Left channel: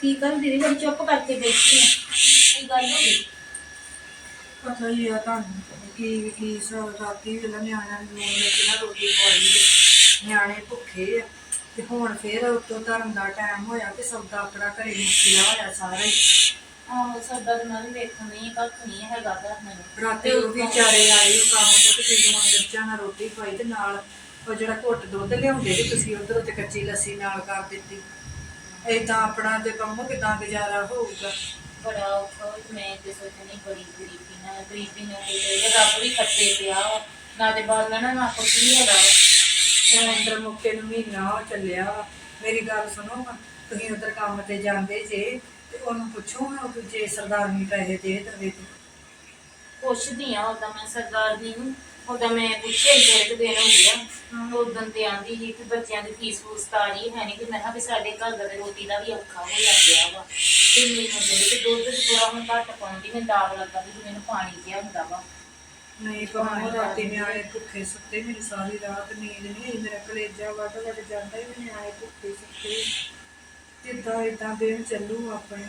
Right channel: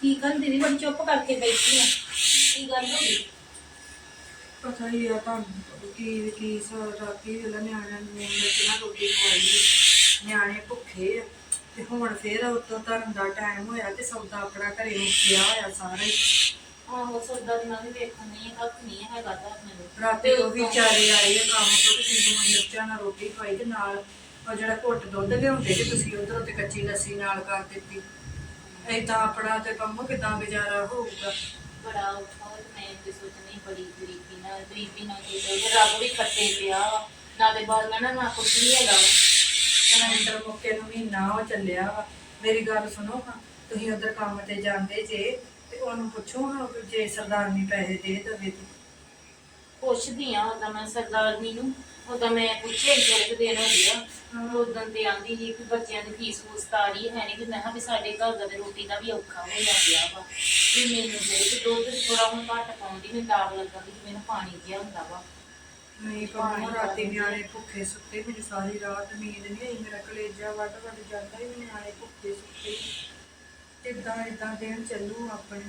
ਕੀ ਗੱਲ ਦੀਦੀ ਬੜੀ ਚੁੱਪ ਕਰਕੇ ਬੈਠੀ ਆ। ਕੀ ਗੱਲ ਹੋ ਗਈ? ਪਤਾ ਹੀ ਆ ਤੁਹਾਨੂੰ ਕੀ ਕੀ ਸ- ਰਾਤੀ ਵੇਲਾ ਨਿਆਣਿਆਂ ਨੂੰ ਨੂਨ ਮਿਰਚ ਨਾਲ ਰੋਟੀ ਖਵਾਈ ਨਿਆਣੇ ਭੁੱਖੇ ਆ ਤੇ ਹੁਣ ਫੇਰ ਉਤੋਂ ਧਰਨ ਦਾ ਟਾਈਮ ਹੋਇਆ ਤੇ ਸੌਦਾ ਆਪਣਾ ਘਰੇ ਮੁੱਕਿਆ ਹੋਇਆ ਸਾਰਾ ਹੀ। ਆਹੋ ਸੌਦਾ ਤੇ ਮੈਂ ਵੀ ਵੇਖਣ ਨਹੀਂ ਕੱਖ ਨਹੀਂ ਹੈਗਾ ਤੇ ਆਪਣੇ ਕੋਲ। ਰਾਤੀ ਉਹ ਵੀ ਵਿਚਾਰੇ ਆਏ ਆ ਕੰਮ ਤੋਂ ਤੇ ਤੁਸੀਂ ਨੂਨ ਮਿਰਚਾਂ ਨਾਲ ਰੋਟੀ ਖਾਈ ਤੇ ਨਾਲ ਉਹ ਜਿਹੜਾ ਘੁੱਟ ਦੁੱਧ ਲਿਆਉਂਦੇ ਤੇ ਤੁਸੀਂ ਉਧਰੋਂ ਤੇ ਕੱਚੀ ਲੱਸੀ ਨਾਲ ਕਰ ਦਿੱਤੀ ਏਦਾਂ ਆਪਣਾ ਤੇ ਕੰਮ ਕਿਦਾਂ ਗੁਜ਼ਾਰਾ ਹੋਊਗਾ ਬੜਾ ਔਖਾ ਹੋਇਆ ਤੇ ਮੈਂ ਤੇ ਸੋਚਣੀ ਬੜੀ ਗਰੀਬੀ ਨਾਲ ਗਰੀਬੀ ਨਾਲ ਤੇ ਇਹ ਰੱਬ ਵੀ ਖੱਟੇ ਪਿਆ ਵਾ। ਨਾ ਤੇ ਬਾਲ ਨਾ ਨਾ ਕੁਛ ਨਹੀਂ ਹੈਗਾ ਵਾ। ਸਿਲੰਡਰ ਮੁੱਕੇ ਨੂੰ ਮਹੀਨਾ ਚੱਲਿਆ ਵਾ ਮੇਰੀ ਗੱਲ ਸੁਣੋ ਹਾਂ, ਤੁਸੀਂ ਉਧਰ ਕੰਮ ਤੇ ਜਾਂਦੇ ਜੇ ਤੇ ਉਹਨੂੰ ਪੁੱਛੋ ਹਾਂ ਕਿ ਜੇ ਸਰਦਾਰਨੀ ਪੈਸੇ ਦੇ ਦੇਵੇ ਤੇ। ਪੁੱਛਦੀ ਆ ਉਹਦਾ ਮੈਂ ਸਰਦਾਰਨੀ ਨੂੰ ਉਹਦਾ ਮੈਂ ਪੁੱਛਿਆ ਦੋ ਕੁ ਦਿਨ ਹੋ ਗਿਆ। ਉਦੋਂ ਤੇ ਆਂਦੀ ਸੀ ਕਿ ਬੱਚਿਆਂ ਦੀ ਫੀਸ ਫੂਸ ਤਾਰੀ ਹੈ ਨਹੀਂ ਕਿ ਮੈਂ ਕਿਹਾ ਵੀ ਸਾਡੇ ਘਰ ਦਾ ਤੇ ਰੋਟੀ ਦਾ ਵੀ ਔਖਾ ਹੋਇਆ ਪਿਆ ਵਾ। ਤੇ ਮੈਨੂੰ ਦੇ ਤੇ ਦੁੱਧ ਥੋੜਾ ਹੁਣ ਘੱਟ ਪਾਉਂਦੀ ਮੈਨੂੰ ਦਾਗ ਲੱਗਾ ਵੀ ਮੈਨੂੰ ਪਾਣੀ ਜਿਹਾ ਹੁੰਦਾ ਵਾ। ਨਹੀਂ ਕਹਾਂ ਰਾਤੀ ਨਿਆਣੇ ਭੁੱਖੇ ਸੁੱਤੇ ਮੈਨੂੰ ਸਾਰੀ ਰਾਤ ਨੀਂਦ ਨਹੀਂ ਆਈ ਮੇਰਾ ਕਲੇਜਾ ਵੱਧ ਵੱਧ ਜਾਂਦਾ ਹੀ ਨਿਆਣੇ ਭੁੱਖੇ ਸੁੱਤੇ। ਕਿੱਦਾਂ ਇਦਾਂ ਦਿਨ ਚੱਲੂ ਆਪਣੇ?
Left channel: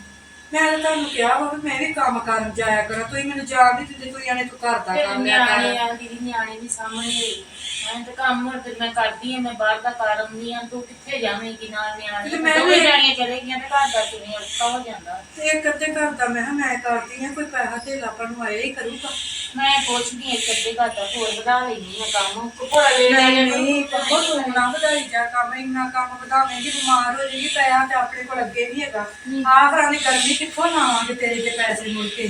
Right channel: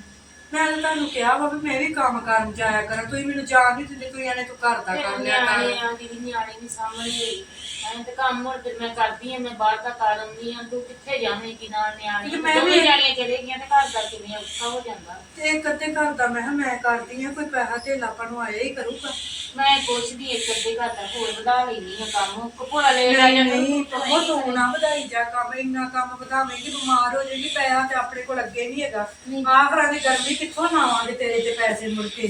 ਮੈਂ ਤਾਂ ਤੁਹਾਨੂੰ ਕਿਹਾ ਵਾ ਵੀ ਮੈਂ ਵੀ ਕੰਮ ਕਰਨ ਜਾਇਆ ਕਰਾਂ। ਤੁਸੀਂ ਮੈਨੂੰ ਜਾਣ ਨਹੀਂ ਦਿੰਦੇ ਤੁਸੀਂ ਆਣੇ ਤੂੰ ਘਰ ਦਾ ਫਿਰ ਕੰਮ ਲਿਆ ਨਿਆਣੇ ਕਰ ਆ ਦੀਦੀ ਨਿਆਣੇ ਵੀ ਸਾਹਮਣੇ ਐਂ ਤੇ ਕੰਮ ਹੁਣ ਮੈਂ ਕਰਦੀ ਆ ਮੈਂ ਬਾਹਰ ਦਾ ਕਰ ਆਉਂਦੀ ਆ ਤੂੰ ਕਿੱਥੇ ਜਾਵੇਂਗੀ ਨਾਲ ਨਿਆਣੇ ਤੇ ਮੈਂ ਦੋਵੇਂ ਵੀ- ਜਾਣੀਆਂ ਚਲੇ ਗਈਆਂ ਤੇ ਘਰ ਦਾ ਕਿਵੇਂ ਔਖਾ ਹੋ ਜਾਂਦਾ? ਤੇ ਇੱਕ ਅੱਧੇ ਘਰ ਦਾ ਮੈਂ ਕਿਹਾ ਮੈਂ ਕਰਦੀ ਆ ਕੋਈ ਪੈਸਾ ਧੇਲਾ ਆਪਾਂ ਨੂੰ ਆਇਆ ਹੀ ਕਰੂਗਾ। ਮੈਂ ਪੁੱਛਦੀ ਇੱਕ ਅੱਧੇ ਘਰ ਦਾ ਹੋਰ ਵਧਾ ਲੈਣੀ ਆ ਕੰਮ। ਕੋਲਾ ਵੇ ਨਹੀਂ ਨਹੀਂ ਕਹੋ ਤੂੰ ਨਾ ਵਧਾਈ ਜਾ ਕੰਮ ਇੰਨਾ ਕੰਮ ਵਧਾਵੇਂਗੀ ਬਿਮਾਰ ਹੋ ਜਾਏਗੀ ਪੈਸਾ ਤੇ ਆਪਣੇ ਕੋਲ ਅੱਗੇ ਨਹੀਂ ਹੈਗਾ। ਆਹ ਘਰਾਂ ਦੀ ਗਰਮੀ ਕਿੱਥੋਂ ਲਾਵਾਂਗੇ ਤੇਰੇ ਤੇ ਪੈਸੇ ਮੁੜ ਕੇ?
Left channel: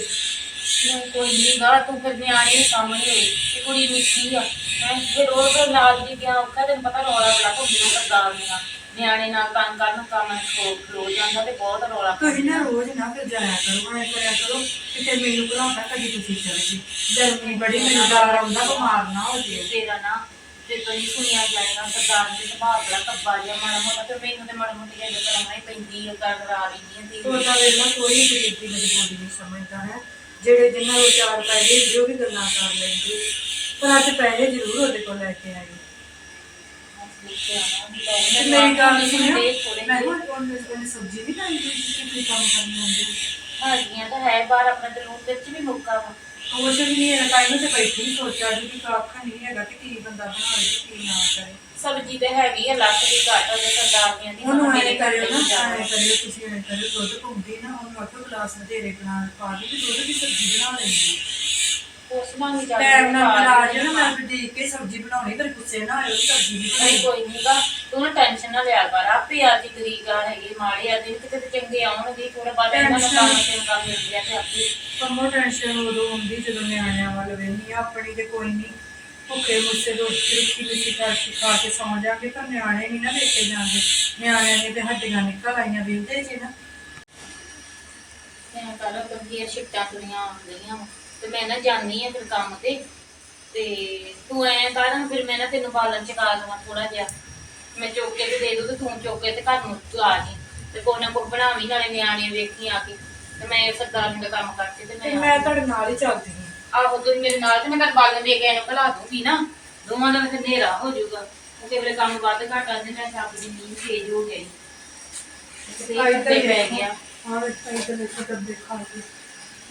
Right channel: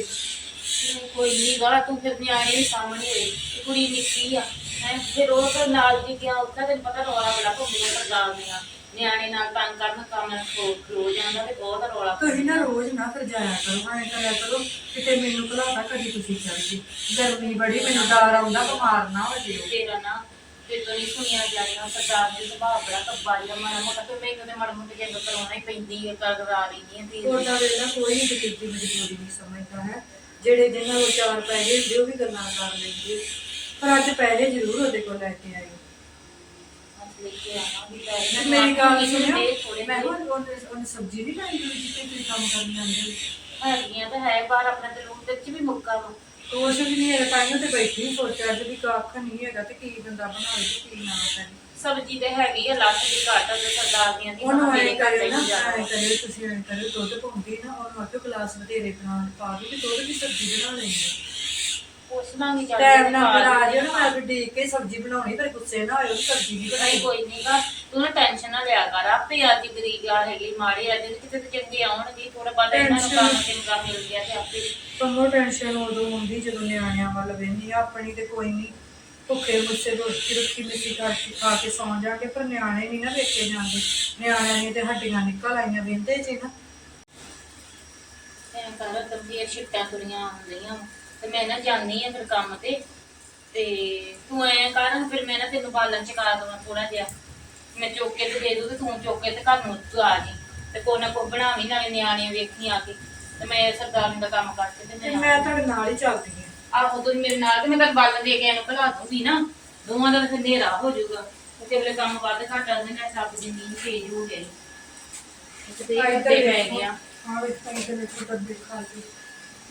ਨਹੀਂ ਕੋਈ ਨਹੀਂ ਗਾ ਤੂੰ ਫਿਰ ਨਿਆਣੇ ਵੀ ਸਾਹਮਣੇ ਹੋਏ ਤੇ ਕੁੜੀ ਨਿੱਕੀ ਆ ਮੈਂ ਫਿਰ ਉਹ ਤੋਂ ਨਾਲ ਦੀ ਗਿਆ ਔਖਾ ਤੈਨੂੰ ਪਤਾ ਰੌਲਾ ਬੜਾ ਭੁੰਦੀਆਂ ਕਰਦਾ ਦੀਆਂ। ਨਿਆਣੇ ਨਾਲ ਤੰਗ ਕਰਨ ਕੰਮ ਖੋ ਖਲੋ ਜਾਂਦਾ ਤੇ ਬਹੁਤ ਰੌਲਾ ਤੁਸੀਂ ਨਾ ਰੋਜ਼ ਨਾ ਫਿਰ ਜਾਇਆ ਕਰੋ ਐ ਕਰਿਆ ਕਰੋ ਕਿਤੇ ਮੈਨੂੰ ਘਲਾਉਂਦਾ ਕਦੀ ਤੁਸੀਂ ਚੱਲ ਜੀ। ਗਰਮੀ ਬੜੀ ਮੈਨੂੰ ਡਰ ਆਉਂਦਾ ਬਿਮਾਰ ਨਾ ਹੋ ਜੇ। ਤੇਰਾ ਨਾ ਤੇ ਤੁਸੀਂ ਸੁਣਿਆ ਜਾਏਗਾ ਸਰਦਾਰ ਦੀ ਸੁਭਾਅ ਬੜਾ ਕੱਬਾ ਜਿਹਾ ਮਾੜਾ ਮੋਟਾ ਤੇ ਮੈਨੂੰ ਤੇ ਮਾੜਾ ਮੋਟਾ ਗੱਲ ਕਰਾਉਣਾ ਹੀ ਪੈਂਦੀ ਹੈ ਕਰ ਕਰਾ ਲੈਂਦੀ ਹੈ ਉਹਦਾ ਵੇਲਾ ਕੋਈ ਗਰੀਬ ਦੀ ਮਜਬੂਰੀ ਨਹੀਂ ਸਮਝਦਾ ਹੈ। ਜਿਹੜੇ ਜਿਨ੍ਹਾਂ ਨੂੰ ਚਾਰ ਪੈਸੇ ਹੁੰਦੇ ਉਹ ਵੀ ਗੱਲਾਂ ਕਰ ਲੈਂਦੇ। ਪਰ ਅੱਜ ਪੈਸੇ ਜ਼ਰੂਰ ਉਹਦੇ ਕੋਲ ਲੈ ਕੇ ਆਏ। ਮੇਰੀ ਗੱਲ ਸੁਣਿਓ। ਮੈਂ ਹੁਣ ਉਹਨੇ ਸਬਜ਼ੀ ਵੀ ਲਾਈ ਹੋਈ ਜਿੱਥੇ ਤੁਸੀਂ ਕੰਮ ਕਰਨ ਜਾਂਦੇ। ਹੋ ਤਾਂ ਹੈ ਬਾਹਰ ਆਪਣਾ ਤੇ ਲੂਣ ਤੇ ਚ ਵੀ ਮੁੱਕਾ ਵਾ। ਕੁਛ ਵੀ ਨਹੀਂ ਹੈਗਾ ਟਾਈਮ ਤੇ ਬੈਠੀ ਸੋਚਿਆ ਜੀ ਵੀ ਕੱਖ ਨਹੀਂ ਹੈਗਾ ਤੇ ਕੀ ਬੰਦਾ ਬਣਾਵੇ ਤੇ ਕੀ ਨਾ ਕਰੇ। ਸਬਜ਼ੀ ਤੇ ਹੈਗੀ ਆ ਲੱਖ ਦੀ ਘਾਟ ਉਹਦੇ ਸਰਦਾਰ ਦੀਆਂ ਦੀ ਉਹਨੂੰ ਐ ਕਰਿਓ ਨਾ ਐ ਕਰਿਓ ਤੁਸੀਂ ਐ ਕਰਿਓ ਦੁੱਧ ਪਾਉਂਦੀ ਨਾ ਉਹਨੂੰ ਅੱਧੋ ਗਲਾਸ ਵਧੇਰੇ ਬਣਾ ਪਾ ਕੇ ਤੇ ਦੁੱਧ ਦੀ ਸਬਜ਼ੀ ਬਣਾ ਲੈਂਦੀ ਪੁੱਛਣਾ ਵੀ ਚੱਲ ਟਾਈਮ ਨਾਲ ਬਣਾ ਜੇ ਨਾ ਮੈਂ ਵੀ ਦੇਖ ਕੇ ਸਬਜ਼ੀ ਬਣਾਉਣੀ ਪਰ ਗੁੱਸੇ ਨਾ ਹੋਇਓ ਵੀ ਸਬਜ਼ੀ ਨਹੀਂ ਬਣਾਈ ਨਹੀਂ ਕੋਈ ਨਹੀਂਗਾ ਤੂੰ ਨਾ ਟੈਨਸ਼ਨ ਨਾ ਲਿਆ ਕਰ ਆਪੇ ਅੱਜ ਗਰੀਬ ਆ ਹੈਗੇ ਮਾੜੇ ਆ ਦਿਨ ਕਿਤੇ ਚੰਗੇ ਆਉਣਗੇ ਥੋੜਾ ਬਾਅਦ ਇਹਨਾਂ ਨੂੰ ਕੰਮ ਤੇ ਕੰਮ ਮਿਲ ਗਿਆ ਤੇ ਆਪੇ। ਕੰਮੋ ਟੈਨਸ਼ਨ ਉਦੋਂ ਹੁੰਦੀ ਜਦੋਂ ਨਿਆਣਿਆਂ ਵੱਲ ਆਪਣੀ ਤੇ ਕੋਈ ਨਹੀਂ ਭੁੱਖੇ ਮੁੱਸੇ ਰੋਟੀ ਰੁੱਖੀ ਮਿੱਸੀ ਕਰਕੇ ਖਾ ਕੇ ਸੌਂ ਜਾਗੇ ਪਰ ਨਿਆਣੇ ਨਹੀਂ ਨਾ ਵੇਖੇ ਜਾਂਦੇ। ਨਿਆਣਿਆਂ ਨੇ ਤੇ ਹੱਡੀਆਂ ਨਿਕਲ ਆਈਆਂ ਵਿੰਦੇ ਚ ਨਾ। ਮੈਂ ਕੱਲ ਕੰਦੀਆਂ ਛਿੱਟਾਂ ਤੁਰੀਆਂ ਆਉਂਦੀਆਂ। ਵਾਂ ਤੇ ਮੈਂ ਨਾ ਜਾਣੀ ਆ ਫਿਰ ਕੰਮ ਤੇ ਤੇ ਤੂੰ ਐ ਕਰਨ ਫਿਰ ਮੈਂ ਨਾ ਤੈਨੂੰ ਬਾਲਣ ਚ ਕਰਾ ਦਵਾਂ ਥੋੜਾ ਜਿਹਾ। ਮੈਂ ਚੁੱਕ ਕੇ ਤੇ ਦੇ ਦੂੰ ਤੇ ਤੂੰ ਚੁੱਕ ਕੇ ਤੇ ਘਰ ਨੂੰ ਤੂੰ ਆ ਜੀ। ਤੇ ਕੋਈ ਨਾ ਕੋਈ ਬਣਾਵੀਂ ਨਾਲੇ ਨਿਆਣੇ ਵੇਖੀ ਆ ਕੇ। ਤੇ ਮੈਂ ਸਰਦਾਰ ਦਾ ਕੰਮ ਕਰਕੇ ਤੇ ਤੇ ਮੈਂ ਮੈਂ ਤੁਹਾਡੇ ਨਾਲ ਹੀ ਚੱਲਦੀ ਹਾਂ ਆਹੋ ਤੂੰ ਮੇਰੇ ਨਾਲ ਤੇ ਮੈਂ ਤੈਨੂੰ ਬਾਲਣ ਦੇ ਕੇ ਇਹਨੂੰ ਖਲਾ ਦੂੰਗੀ ਨਾ। ਦੋਵਾਂ ਦਾ ਫਿਰ ਹਨੇਰਾ ਹੋ ਜਾਊਗਾ। ਕਿਉਂਕਿ ਮੇਰੇ ਕੰਮ ਵੱਧ ਘੱਟ ਆਉਂਦੇ ਨੇ ਸੱਤ ਦੀ ਨੀਂਦ ਤੇਜ਼ ਹੋ ਗਈ ਤੇ ਇੱਥੇ ਪੈ ਗਿਆ। ਹਾਂ ਤੇ ਦੇਖੋ ਤਦ ਦੇਖਾ। ਕੇ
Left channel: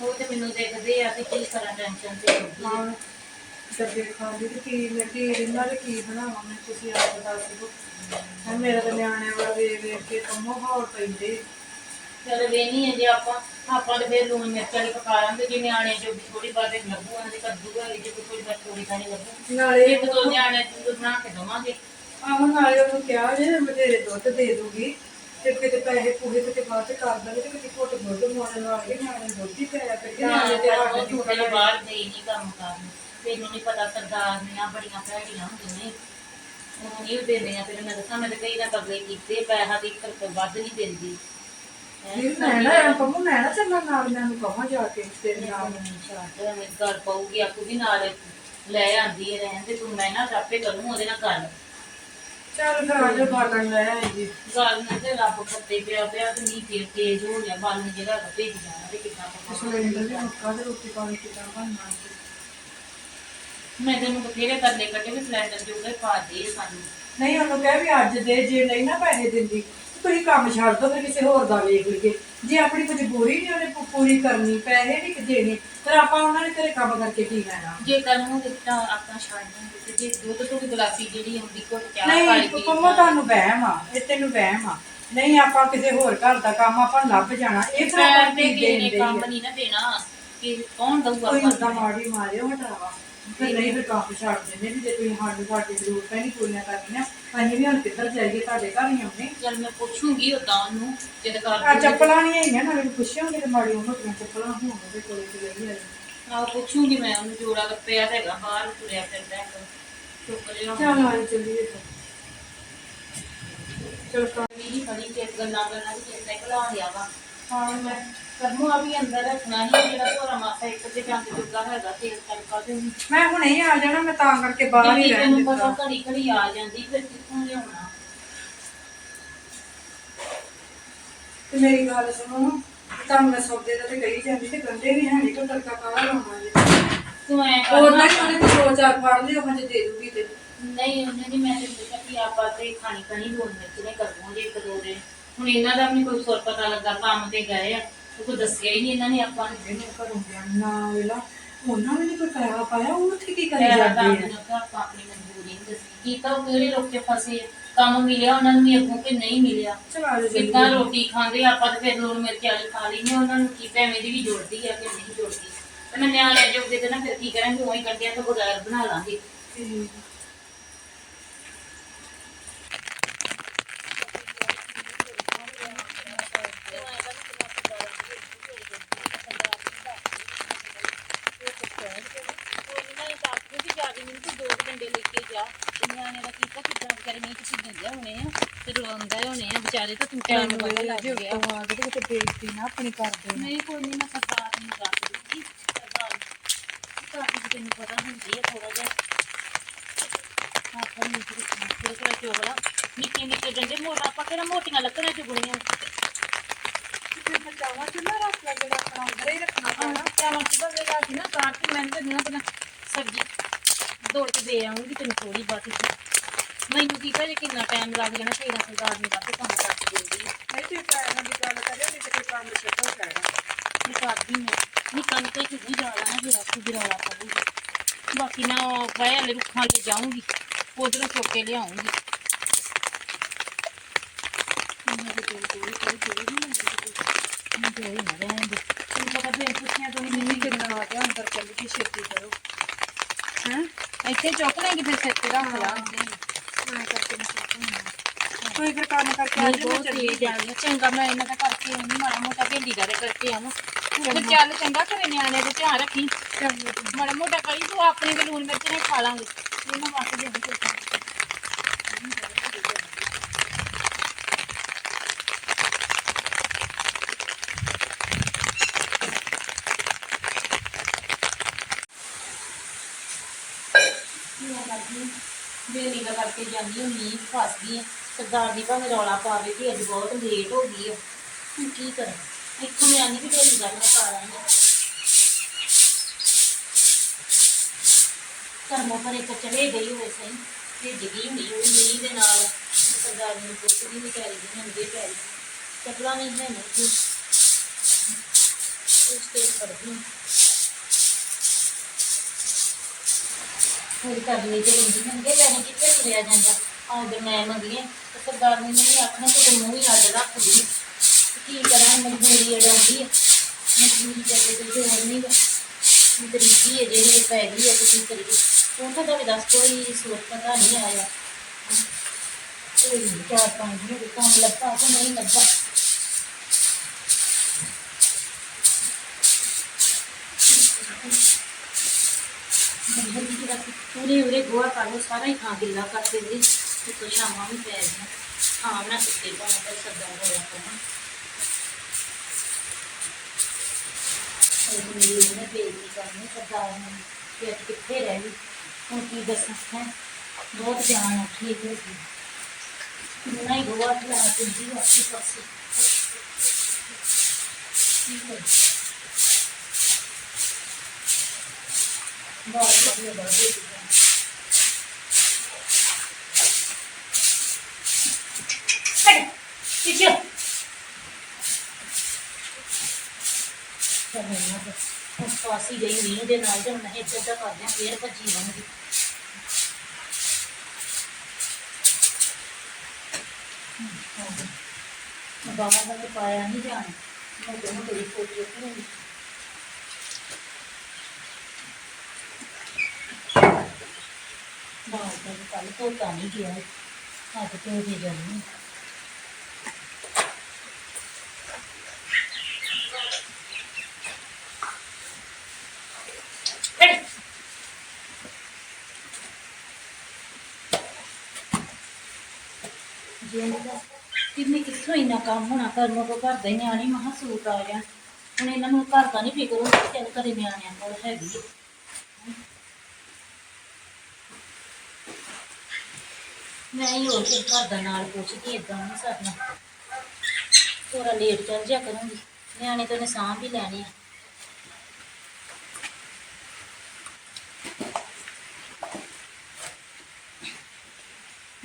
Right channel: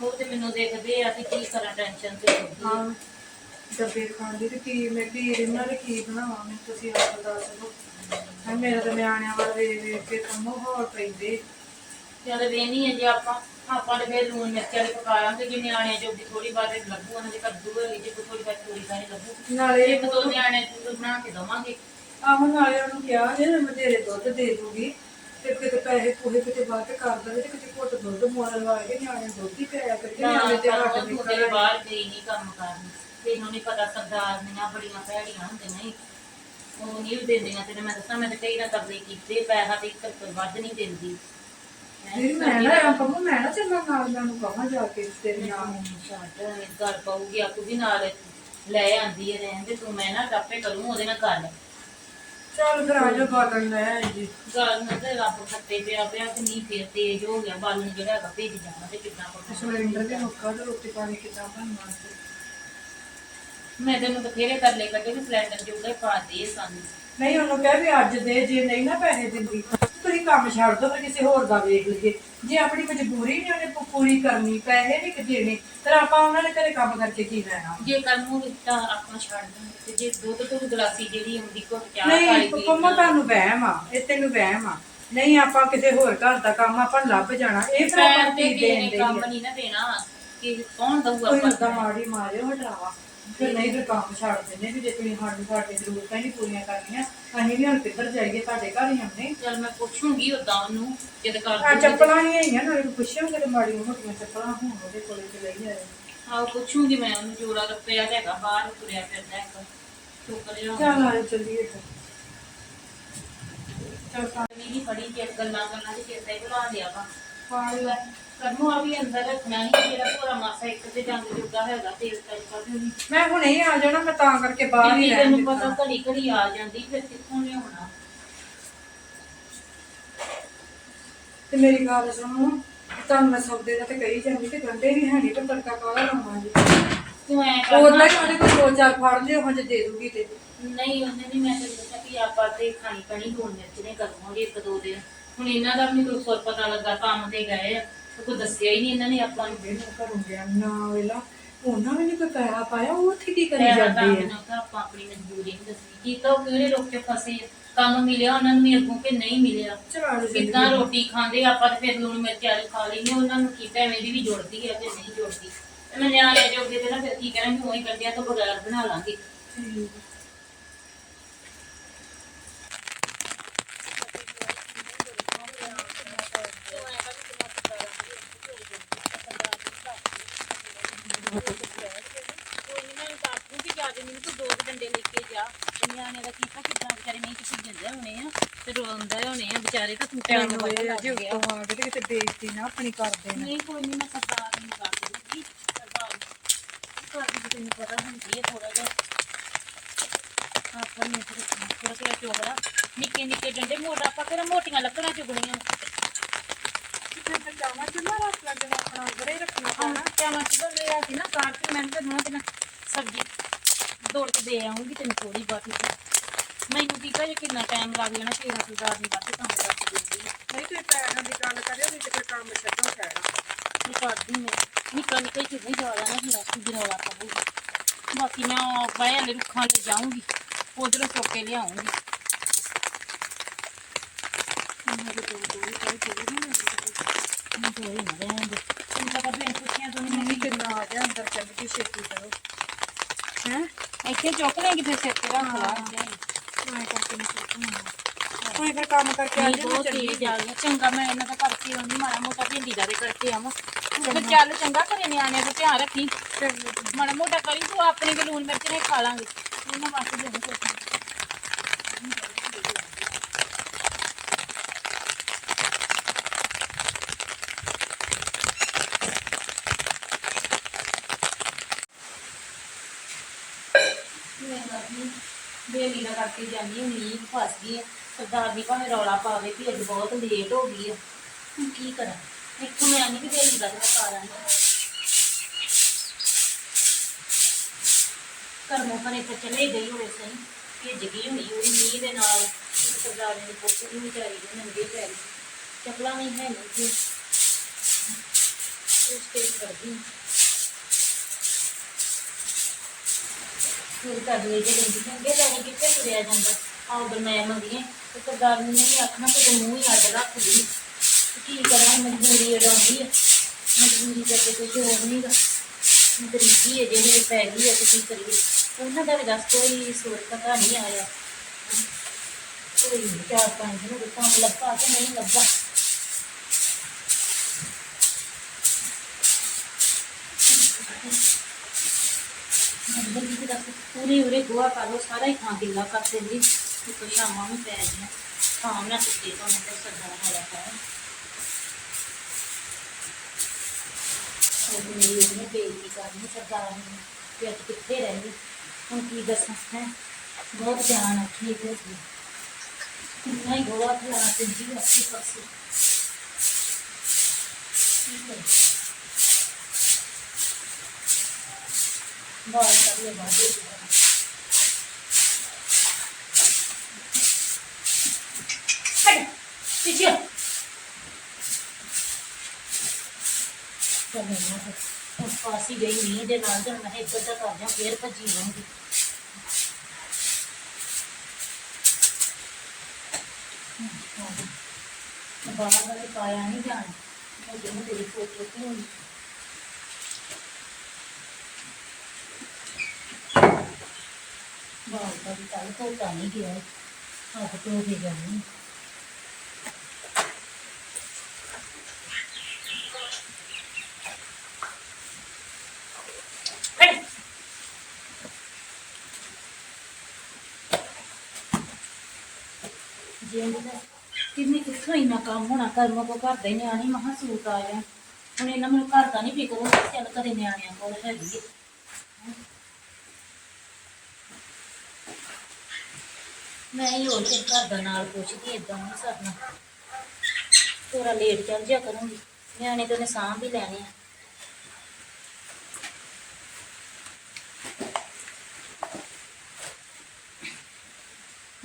ਉਹ ਤੇ ਮੈਨੂੰ ਦੇਖਦੇ ਆ ਕਿ ਕੀ ਕਰਾਂ ਟੈਨਸ਼ਨ ਤੇ। ਹੁੰਦੀ ਆ। ਹਾਂ। ਡੱਬੇ ਖਾਂਦੀ ਤੇ ਕੀ ਮੈਂ ਕੀ ਇਹਨਾਂ ਦੇ ਕੀ ਬਣਾਵਾਂ ਮੈਂ ਤੁਸੀਂ ਆਪ ਦੱਸ ਦਿਓ। ਹਾਂ ਮੇਰਾ ਤਾਂ ਨਿਆਣਿਆਂ ਵਾਲਾ ਵੇਖ ਵੇਖ ਕੇ ਕੰਮੋ ਹੌਲ ਪੈਂਦੇ। ਚੱਲ ਵੇਨੀ ਹੈ ਜੇ ਆਪਾਂ। ਆਪਾਂ ਤੇ ਫੇਰ ਲੂਣ ਮਿਰਚ ਵਾਲੀ ਪਕਾ ਲਾਂਗੇ ਜੇ ਨਿਆਣੇ ਜੋ ਵੀ ਥੋੜੀ ਬਾਤ ਲੱਗੂ ਉਹਨਾਂ ਦੇ ਕੱਦੂ ਹੋਏ ਜੇ ਕੋਈ ਥੋੜੀ ਬਾਤ ਥੋੜੀ ਖਾਣੀ ਲੱਗੂ। ਨਾਲੇ ਇੱਕ ਦੋ ਨਿਆਣੇ ਨੂੰ ਬਣਾ ਕੇ ਦਵਾਂਗੇ। ਆਹੋ ਨਾਲੇ ਉਹਨੂੰ ਕਿਹਾ ਜੇ ਬਥੇਰੇ ਦੁੱਧ ਦੇ ਦੂਗੀ। ਤੇ ਕਿਤੇ ਪੈਸੇ ਪੂਹੇ ਕਿਤੇ ਵੱਧ ਕਰ ਦੇਵੇ ਤੇ ਕਿਤੇ ਘੁੱਟ ਦੁੱਧ ਮੋੜਨ ਵਾਲੇ ਨਿਆਣੇ ਦੁੱਧ ਹੀ ਪਿਆ ਕਰਕੇ ਨਿਆਣੇ ਤੇ ਹੱਟ ਨਿਕਲ ਤੇਰੇ ਬਾਹਰ ਗਈ ਨਹੀਂ ਕੰਮ ਕਰਨ। ਤੈਨੂੰ ਨਹੀਂ ਪਤਾ ਸਰਦਾਰ ਨੀਆਂ ਬੜੀਆਂ ਭੈੜੀਆਂ ਹੁੰਦੀਆਂ ਨੇ। ਉਹ ਨਹੀਂ ਦਿੰਦੀਆਂ ਤੈਨੂੰ ਮੈਂ ਦੱਸਾਂ ਮੈਂ ਤਾਂ ਕਈ ਨਾ ਤਰਲੇ ਕੀਤੇ ਪੈਸਾ ਤੇ ਇੱਕ ਰੁਪਏ ਵੱਧ ਨਹੀਂ ਦਿੰਦੀ। ਹੈਂ, ਨਹੀਂ ਮੈਂ ਨਾ ਆ ਕਮੋ ਮੈਂ ਨਾ ਚੱਲਾਂ ਨਾਲ ਮੈਂ ਉਹਨੂੰ ਕਹਾਂ ਜਾ ਕੇ ਤੇਰੇ ਨਾਲ। ਛੱਡ ਐਵੇਂ ਘਰ ਪਊਗੀ ਆਪੂ ਵੀ ਨਾਲ ਲੈ ਆਂਦੀ ਹੈ ਰਹਿਣ ਤੇ ਤੂੰ ਮੈਂ ਨਾ ਆਪੇ ਕਰੂੰ ਉਹਦੇ ਨਾਲ ਗੱਲ। ਚੱਲ ਫਿਰ ਆ ਜਾ ਬਾਲਣ ਲੈ ਆਈਏ ਗੱਲ ਨਾ ਤੇ ਰੱਬ ਖੱਤੇ ਪਿਆ ਪਿਆ ਤੇ ਨਹੀਂ ਫੇਰ ਤੇਜ਼ ਹੋ ਗਿਆ ਬਾਲਣ ਜਿਹੜਾ ਹੈਗਾ ਭੇਜ ਜਾਣਾ ਤੇ ਕਿੱਦਾਂ ਪਕਾਉਣਾ ਸਿਲੰਡਰ ਵੀ ਮੁੱਕਾ ਤੇ ਰੋਟੀ ਪਾਣੀ ਕਿੱਦਾਂ ਬਣਨਾ ਤੇ। ਮੈਂ ਤੈਨੂੰ ਬਥੇਰੇ ਤਰਲੇ ਕੱਢੇ ਵੀ ਸਿਲੰਡਰ ਜੋਗੇ ਪਾ ਦੇ ਸਾਨੂੰ। ਨਹੀਂ ਉਹਨੂੰ ਕਹਿ ਵੀ ਅੱਜ ਦੇ ਜੇ ਨਹੀਂ ਨਾ ਪੈਸੇ ਦਿੰਦੀ ਤੁਸੀਂ ਕੰਮ ਛੱਡ ਦੋ ਫਿਰ ਕਿਸੇ ਹੋਰ ਦਾ ਵੇਖ ਲਈਏ। ਜੇ ਆਪਣੀ ਮਜਬੂਰੀ ਨਹੀਂ ਉਹਨੇ ਪੂ- ਪੂਰੀ ਕਰਨੀ ਪੈਸੇ ਨਹੀਂ ਦੇਣੇ ਫਿਰ ਆਪਾਂ ਉਹਨਾਂ ਦੇ ਘਰੇ ਕੰਮ ਕਰਕੇ ਕੀ ਲੈਣਾ? ਜੇ ਕਰਮ ਹੋਵੇ ਤਾਂ ਆਪਣਾ ਛੱਡ ਤੇ ਜੇ ਦੁੱਧ ਤੋਂ ਵੀ ਗਲਾਸੀ ਜਿਹੜੀ ਆਉਂਦੀ ਘੁੱਟ ਚਾਹ ਕਾਲੀ ਨਹੀਂ ਪੀ ਪੰਮਾ ਤੁਹਾਨੂੰ ਵਹਿਮ ਆ ਇਹ ਤੈਨੂੰ ਵਹਿਮ ਆ। ਨਹੀਂ ਆਪਾਂ ਕਿਸੇ ਹੋਰ ਘਰ ਦਾ ਕੰਮ ਆਪਾਂ ਨੂੰ ਲੱਭ ਜਾਣਾ ਇਹ ਫਿਰ ਆਪਾਂ ਪੈਰ ਤੇ ਕੀ ਕਿਸੇ ਦੇਣ ਨੇ ਦੇ ਕੰਮ ਨਹੀਂ ਨਾ ਦੇਣਾ। ਕਿ ਕੌਣ ਦਊਗਾ ਕੋਈ ਆਪਾਂ ਉਦਾਂ ਮਾੜੀ ਮਾਰਿਓ ਹਟਾਵਾ। ਫਿਰ ਨਹੀਂ ਫਿਰ ਕੰਮ ਛੱਡ ਦਿੰਦੇ ਵੀ ਜੇ ਤੁਸੀਂ ਸਾਨੂੰ ਤੁਹਾਡੀ ਜ਼ਰੂਰਤਾਂ ਹੀ ਨਹੀਂ ਪੂਰੀਆਂ ਕਰਨੀਆਂ ਅਸੀਂ ਵੀ ਹੁਣ ਕਿੱਧਰ ਜਾਈਏ ਤੁਹਾਡੇ ਘਰ ਹੀ ਆਉਣੇ ਚੱਲ ਮੈਂ ਪੁੱਛੂੰਗੀ ਉਦਾਂ ਉਹਨੂੰ ਜਦ ਆ ਕਰ ਚੱਪਲਾਂ ਨਹੀਂ ਹੈਗੀਆਂ ਨਾਲੇ ਪੁੱਛਿਆ ਕਿ ਮਾੜੀ ਮੋਟੀਆਂ ਚੱਪਲਾਂ ਹੋਣ ਉਹਦੇ ਕੋਲੇ ਤੇ ਲਈ ਆਏ ਆਹ ਪੁੱਛੂੰਗੀ ਮੈਂ ਉਹਨੂੰ ਜੋੜਾ ਪਿਆ ਤਾਂ ਹੈਗਾ ਬਾਹਰ ਤੁਰਿਆ ਫਿਰਦਾ ਹੈਗਾ। ਚੁੱਕ ਲਿਆ ਚੱਲ ਆਏ ਚੱਲੀਏ ਫਿਰ ਚਲ ਵੀ ਫੜੀ ਜੇ ਗੱਲਾਂ ਗੱਲਾਂ ਦੀ ਚੇਤਾ ਹੀ ਭੁਲਾ ਲਿਆ ਵਾ। ਹੁਣ ਮੈਂ ਕਰਮੂ ਆ ਵੀ ਅੰਦਰ ਰੱਖਣਾ ਹੀ ਜਿਹੜਾ ਭੋਰਾ ਮਾਸਾ ਇੱਕ ਤੇ ਜੰਗ ਜੁਗਾ ਹੈਗਾ ਤੇਲ ਤੜਕਾ ਤੇ ਉਹਨੂੰ ਮੈਂ ਹੁਣੇ ਹੀ ਆ ਜਾਣਾ ਮੈਂ ਤਾਂ ਕਰਕੇ ਬਾਹਰ ਹੀ ਦੀਦੀ ਰਹਿਣ ਤੈਨੂੰ ਪਤਾ ਦਿੱਤਾ। ਘੜੀ ਘੜੀ ਆ ਜਾਂਦੀ ਫਿਰ ਕਿੱਥੋਂ ਲਿਆਉਣਾ? ਤੇ ਮੇਰੀ ਗੱਲ ਸੁਣੋ ਤੁਹਾਨੂੰ ਮੈਂ ਸੌਦੇ ਦਾ ਤੇ ਕਹੀ ਜਾਂਦੀ ਤੇ ਗੰਡੇ ਵੀ ਹੈ ਨਹੀਂ ਪਰ ਤੜਕਾ ਕਾਹਦਾ ਲਾਉਣਾ ਜੀ। ਤੂੰ ਐ ਹੋਰ ਕਰਨਾ ਨਹੀਂ ਉਹਨੇ ਕੋਈ ਦੋ ਚਾਰ ਫੜ ਲਿਓ ਹਾਂ ਜੇ ਦੇ ਦੂਗੀ ਤੇ। ਨਹੀਂ ਉਹਨੇ ਨਹੀਂ ਮੈਂ ਤੈਨੂੰ ਦੱਸਿਆ ਕਿ ਆਪਾਂ ਤੇ ਖਾਣੀ ਕਣੀ ਲੂਣ ਮਿਰਚ ਨੇ ਕਰਵਾਂਗੇ ਇੱਕ ਦੋ ਦਿਨ। ਹੁਣ ਇਹਨਾਂ ਦਾ ਵੀ ਨੀ ਕੋਈ ਸੁਰ ਪਤਾ ਲੱਗਾ ਕੰਮ ਤੇ ਗਏ ਆ ਤੇ ਕੋਈ ਦੱਸਿਆ ਹੀ ਨਹੀਂ ਇਹਨਾਂ ਨੇ ਆਪਾਂ ਨੂੰ। ਇਹਨੂੰ ਘਰੋਂ ਗਿਆ ਨਾ। ਵੇਲਾ ਉਹਨਾਂ ਨੇ ਨੀ ਕੋਈ ਪੈਸਾ ਪਾਇਆ ਉਹ ਉੱਥੇ ਕੀ ਕਰੀ ਤਾਂ ਜਾਂਦੀ ਹੈ ਮੈਨੂੰ ਤਾਂ ਆਪਾਂ ਆਪਣੀ ਮਜਬੂਰੀ ਨਹੀਂ ਦੱਸੀ। ਕੀ ਤਾਂ ਉਹ ਕਿਹੜੇ ਲੋਕ ਫਸੇ ਆ। ਕੰਮ ਮਿਲਿਆ ਉਹਨਾਂ ਨੂੰ ਵੀ ਅੱਗੋਂ ਕਿ ਨਹੀਂ ਮਿਲਿਆ? ਦੇ ਕਿੱਦਾਂ ਰੋਟੀ ਖਾਂਦੇ ਆਪਾਂ ਤਾਂ ਫਿਰ ਲੂਣ ਮਿਰਚ ਵਾਲੀ ਖਾ ਲੈਂਦੇ ਉਹਨਾਂ ਨੂੰ ਕੀ ਐਵੇਂ ਦੀ ਵੀ ਜੁੜਦੀ ਆ ਕਿ ਨਹੀਂ ਜੁੜਦੀ? ਤੇ ਮੈਂ ਨਿਆਣੇ ਜੋਗੇ ਤੇ ਨਾ ਫਿਰ ਕੀ ਕਰਾਂਗੇ ਉਹੀ ਕੱਢਿਆ ਤੋਂ ਬਗੈਰ ਬਣਾ ਲਾਂਗੇ ਕੋਈ ਨੀ ਮੈਂ ਦੱਸ ਦੂੰ ਕੇ ਮੈਨੂੰ ਤੂੰ ਦੋ ਕੁ ਡੰਡੇ ਲੈ ਕੇ ਜਾ। ਤੇ ਨਿਆਣੇ ਦਾ ਕੀਤਾ ਕਿੱਦਾਂ ਵਿਚਾਰੇ ਨਹੀਂ ਕਿਸੇ ਦਿੰਦੇ ਹੋਣੇ ਆ ਤੇ ਰੋਂਦੇ ਹੋਣੇ ਆ ਵਿਚਾਰੇ ਤਾਂ ਤੂੰ ਟਾਈਮ ਬੜਾ ਲੱਗ ਜੇ ਗਿਆ। ਉੱਤੋਂ ਆ ਕੇ ਤੇ ਕਿਤੇ ਬੇਇੱਜ਼ਤੀ ਨਾ ਆਪਣੀ ਕਰ ਦੇਣਾ। ਨਹੀਂ ਕੋਈ ਨਹੀਂ ਮੈਂ ਸਰਦਾਰ ਨੂੰ ਦੱਸ ਦੂੰਗੀ ਸਰਦਾਰ ਘਰ ਦੀ ਤੈਨੂੰ ਪਤਾ ਹੁੰਦੀ ਹੈ ਥੋੜਾ ਜਿਹਾ ਆਪਾਂ ਨੂੰ ਥੋੜਾ ਥੋੜਾ ਚੋਗਲਾ। ਨਿੱਕੇ ਨਿੱਕੇ ਡੰਡੇ ਮੋਟਾ ਆਪਾਂ ਕਿਹੜਾ ਮੋਟੀਆਂ ਲੱਕੜਾਂ ਚੁਗਣੀਆਂ ਫਿਰ ਬਚਾਵਾ ਚੁੱਲਾ ਰੱਖ ਲੱਗ ਜਾਣਾ ਆਪਣਾ ਅੰਦਰ ਹੀ ਰੱਖਣਾ ਆਹ ਚਾਵਲ ਸੁਬਹ ਵੇਲੇ ਆ ਸੀ ਨਾ ਕਾਰ ਤੇ ਮੈਂ ਤਾਂ ਨਾ ਸਬਜ਼ੀ। ਦੌੜ ਕੇ ਦੇ ਆਉਂਗੀ ਤੈਨੂੰ ਥੋੜੀ ਬਾਤੀ ਮੈਨੂੰ ਕੀ ਕਹੇ ਕਿੰਨਾ ਟਾਈਮ ਲੱਗ ਜਾਣਾ ਤੇਰਾ ਸਰਦਾਰ ਨੂੰ ਵੱਧ ਕੰਮ ਕਰ ਦਿੰਦੀ ਹੈ ਨਹੀਂ ਤੇ ਪੈਰਾਂ ਦੀ ਗੱਲ ਕਰਿਓ ਨਹੀਂ ਤੇ ਕੋਈ ਕੰਮ ਛੱਡੋ ਕਹਿਣਾ ਇਹ ਕਰਦੀ ਮੈਂ ਨਿੱਕਾ ਨਿੱਕਾ ਹੀ ਵੀ ਜਾ ਜਾਣਾ ਫਿਰ ਆਪੂ ਜਰਾਲਾ ਪਾਊਗਾ। ਬਾਕੀ ਮੈਂ ਉਹ ਬਾਏ ਵਾਲੇ ਰੁੱਖਾਂ ਲੈ ਜਾਊਂਗੀ ਉਧਰੋਂ ਚੁੱਕ ਕੇ ਲਿਆਉਂਗੀ ਮੇਰੇ ਕੋਲ ਕੋਈ ਕੋਈ ਕੋਈ ਨਹੀਂ ਮੈਂ ਕੋਈ ਨਾ ਰਹਿਣ ਦੇ। ਤੈਨੂੰ ਪਤਾ ਵੀ ਪੁੱਛਿਆ ਤੋਂ ਮੰਮੀ ਕਿੰਨਾ ਆ ਗਿਆ ਅੰਦਰ ਚੱਲ ਗਈ ਛੇਤੀ ਕਰੋ। ਇੱਥੇ ਚੁੱਕ ਲੈਂਗੀ ਫਿਰ ਸਿਰ ਤੇ ਰੱਖ ਲਾ। ਮੈਂ ਕਰਕੇ ਨਹੀਂ ਚੁੱਕੂੰਗੀ ਕੋਈ ਫਿਰ ਕੰਮ ਕਰਕੇ ਆ ਜਾ ਆ। ਗਿਆ ਚੰਗਾ ਮੈਂ ਇਹਨਾਂ ਦਾ ਕਰਕੇ ਆਉਂਦੀ ਮਾੜਾ ਮੋਟਾ ਭੇਂਡੀ ਦਾ ਤੇ ਕਰਕੇ ਆਵਾਂ। ਤੂੰ ਚੱਲ ਚੰਗਾ ਘਰੇ ਨਿਆਣਿਆਂ ਦਾ ਧਿਆਨ ਰੱਖੀ। ਮਾੜਾ ਮੋਟਾ ਕਰੀ ਤੂੰ ਆਪਣੇ ਲੂਣ ਮਿਰਚ ਨੇ ਖਾ ਲਾਂਗੇ। ਇਹਨਾਂ ਵਾਸਤੇ ਦੇ ਦੇ ਸੋਚਾਂ ਬੇਲੀ ਦਾ ਕਰਕੇ ਜਾਂਦੀ ਹੁੰਦੀ ਫਸ ਗਈ ਆ। ਸਰਦਾਰ ਦੀ ਭਾਵੇਂ ਰੌਲਾ ਪਾਵੇ ਕਿ ਅੱਜ ਬਹੁਤ ਲੇਟ ਹੋ ਗਈ ਆ। ਹੁਣ ਕੀ ਕਰਾਂ? ਇੱਥੋਂ ਮੈਂ ਆਨੀ ਵੀ ਬੇਲੀ ਦਾ ਮੈਂ ਪਾ ਆਈ ਕਰਮੋਂ ਪਰੇ ਤਾਂ ਚਲੇ ਗਈ ਹੋਵੇ ਸਹੀ, ਭੇਜ ਗਈ ਹੋਣੀ ਉਹਦੀ ਮੀਂਹ ਦੇ ਨਾਲ। ਸਰਦਾਰ ਨੂੰ ਪੁੱਛ ਨਹੀਂ ਵਿਚਾਰੀ ਦੀ ਨੰਗੇ ਪੈਰੀ ਚੱਪਲਾਂ ਵੀ ਹੈ ਨਹੀਂ ਸੀ। ਉਸ ਤੇ ਕਰਦੀ ਫਿਰ ਕਰ ਲਈ ਤੇ ਲੈਂਦੀ ਨੰਗੇ ਲੈਣੇ ਕਿੱਥੇ ਤੁਰਿਆ ਜਾਂਦਾ। ਆਉਂਦਰ ਮੈਂ ਮੰਗੀਏ ਤੇ ਸਰਦਾਰ ਨੇ ਨਹੀਂ ਆਖਣਾ, ਤੇ ਮੂੰਹ ਹੀ ਅੱਡ ਰੱਖਦੀ ਤੇ ਕੀ ਕਰਾਂ ਮਜਬੂਰੀ ਅਡਾਉਂਦੀ ਹੈ ਮਜਬੂਰੀ ਕਰਕੇ ਕੋਈ ਹੋਰ ਨਹੀਂਗਾ ਗਰੀਬੀ ਹੈ ਜਿਹੜੇ ਪੈ ਗਈ ਹੈ ਤੇ ਕੀ ਕਰੀਏ। ਉਹਨਾਂ ਦਾ ਵੀ ਦੱਸ ਕੋਈ ਸੋਚ ਪਤਾ ਨਹੀਂ ਆਇਆ। ਕੋਈ ਚਾਰ ਪੰਜ ਦਿਨ ਕੰਮ ਲੱਭਾ ਕਿ ਨਹੀਂ ਲੱਭਾ। ਬੰਦਰ ਦੀ ਪੂਰੇ ਉਰੇ ਗੋਆ ਕਰ ਲੋ ਸਾਰਾ ਹੀ ਥਾਂ ਗਿੱਲਾ ਕਰ ਦਿੰਦੀ ਤੇ ਕੁਛ ਸ਼ਾਮਾਂ ਵੀ ਪੈ ਗਈਆਂ ਹਾਂ ਨਾ ਸੁੱਤੇ ਤੋਂ ਮੈਂ ਤੇ ਸਰਦਾਰ ਹੋਇਆ ਪਿਆ ਉਹ ਮੇਰੀ ਉਹਨੇ ਬੇਇੱਜ਼ਤੀ ਕਰਨੀ ਸਰਦਾਰ ਨੇ ਕਿ ਅੱਜ ਕਿੱਥੇ ਰਹਿ ਗਈ ਹੁਣ ਕੀ ਦੱਸਾਂ ਹੈ ਬਹੁਤ ਜਾਨ ਔਖੀ ਹੋ ਗਈ ਕਿੰਨਾ ਹੀ ਗੋਆ ਖਲਾ ਕੇ ਜੀ ਆਪੇ ਪਾਸੇ ਠੀਕ ਹੈ ਬਾਹਰ ਗਈ ਮੀਂਹ ਦੇ ਨਾਲ ਤੇ ਮੈਂ ਇੱਧਰ ਦਾ ਕਰਦਿਆਂ ਫੇਰ ਭੱਜੀ ਆਉਂਗੀ ਬਾਹਰ ਦਾ ਪਾਇਆ ਨਹੀਂ ਜਾਣਾ। ਮੈਂ ਜਦੋਂ ਤੇਰੀ ਫੋਟੋ ਰੱਖੂੰਗੀ ਬਾਹਰ ਦਾ ਵੀ ਕੱਲ ਧੋਤਾ ਨਹੀਂ ਗਿਆ ਹੱਥ ਧੋ ਕੇ ਜਾਣੀ ਹਟ ਜਿੰਦ ਦਾ ਕਿੰਨੇ ਕਿੱਥੋਂ ਇੰਨਾ ਕੰਮ ਹੋਣਾ? ਕਰਮੋਂ ਕੋ ਘਰ ਦੇ ਨਿਆਣੇ ਮਹਾ ਸੂਟ ਆ ਜਾਣ। ਹੁਣ ਇਹਨਾਂ ਨੂੰ ਘਰ ਦਾ ਨਹੀਂ ਫਿਕਰ ਹੁੰਦਾ ਚੱਲ ਘਰੇ ਨਿਆਣਿਆਂ ਕੋਲ ਹੈਗੀ ਹੈ ਮੈਂ ਹੀ ਹੋਰ ਫਿਰ ਘਰ ਦਾ ਨਾਲ ਪੁੱਛਦੀ ਏਦਾਂ ਨਹੀਂ ਸਰਨਾ। ਥੋੜਾ ਲੇਟ ਚੱਲ ਜਾ ਕਰੂੰਗੀ ਨਿਆਣੇ ਤਾਂ ਨੇ ਸਾਂਭ ਵੀ ਲੈਣੇ ਆ